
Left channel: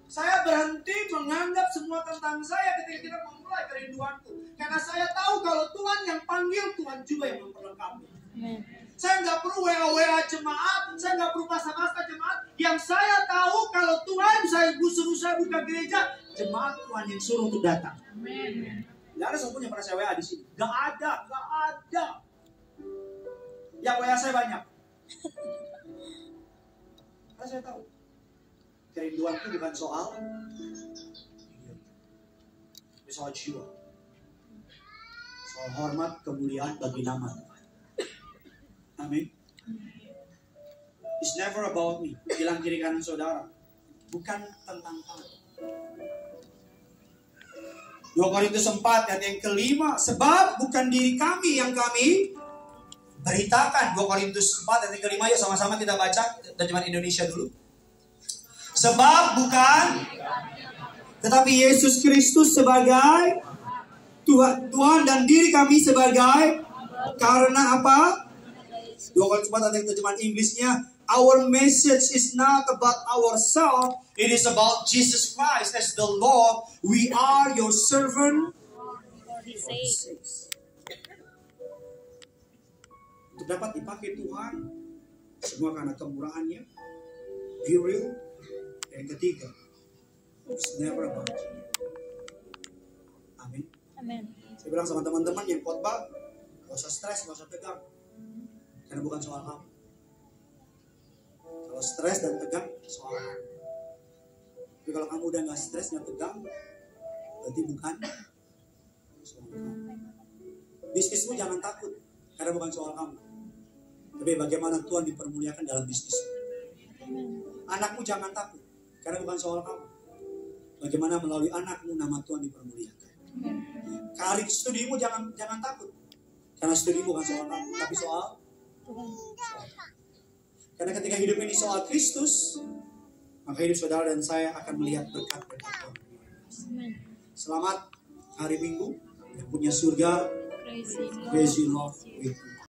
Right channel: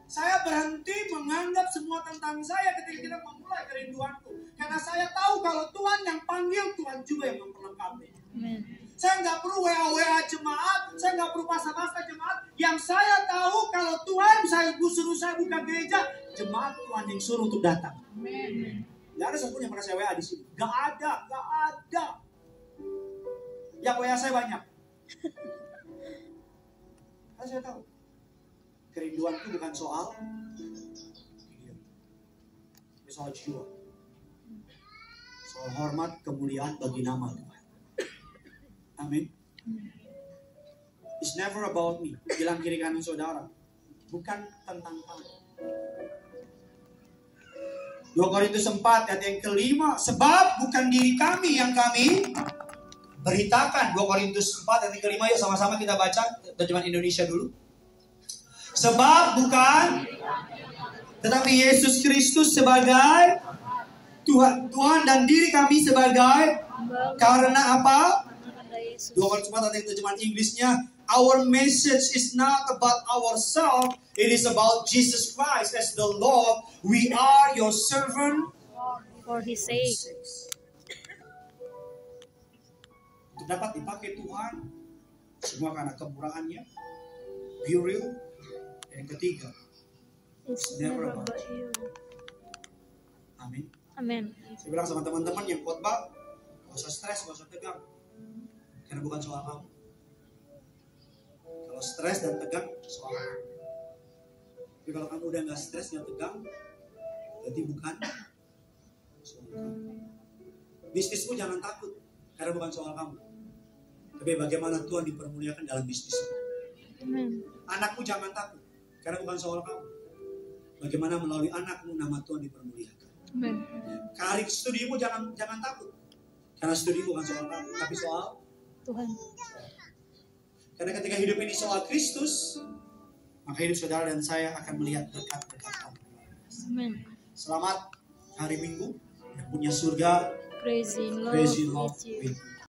Saya berhenti menganggap semua tentang saya ketika kita memulai kerinduanku. Karena saya tahu kalau Tuhan yang panggil, Tuhan juga yang memperlengkapi. Saya nggak perlu WA jemaat, saya nggak perlu pasang-pasang jemaat. Yang saya tahu kalau Tuhan suruh saya buka gereja, jemaat Tuhan yang suruh untuk datang. Nggak ada satupun yang pernah saya WA di sini. Nggak ada. Yang WA saya banyak. Karena saya tahu. Kerinduan itu bukan soal soal jiwa, soal hormat, kemuliaan bagi nama Tuhan. Amin. It's never about me. Bilang kiri kanan saudara, bukan tentang kamu. 2 Korintus 4 ayat yang kelima, sebab bukan diri kami yang kami beritakan. 2 Korintus 4 ayat yang kelima, yuk sama-sama kita baca terjemahan Indonesia dulu. Sebab bukan, tetapi Yesus Kristus sebagai Tuhan dan diri kami sebagai, karena apa? 2 Korintus 4 ada terjemahan Inggrisnya, our message is not about ourselves, it is about Jesus Christ as the Lord. We are your servant for His sake. Untuk dapat dipakai Tuhan, semua karena kemurahannya, be real. Yang ketiga, it's never about you. Amin. Amin. Saya bilang sama teman-teman yang khotbah, gak usah stres, gak usah tegang, karena bukan soal kamu. Kalau stres dan tegang, soal kamu. Tapi kalau kamu udah gak stres, gak tegang, berarti bukan soal kamu. Bisnismu jangan takut, karena bukan soal kamu. Tapi bagaimana Tuhan dipermuliakan dalam bisnismu. Anakmu jangan takut, karena bukan soal kamu. Bagaimana melalui anakmu nama Tuhan dipermuliakan. Karir studimu jangan takut. Karena studi bukan soal kamu, tapi soal Tuhan. Karena ketika hidup ini soal Kristus, maka hidup saudara dan saya akan melihat berkat-berkat Tuhan. Selamat hari Minggu yang punya surga. Praising Lord with you.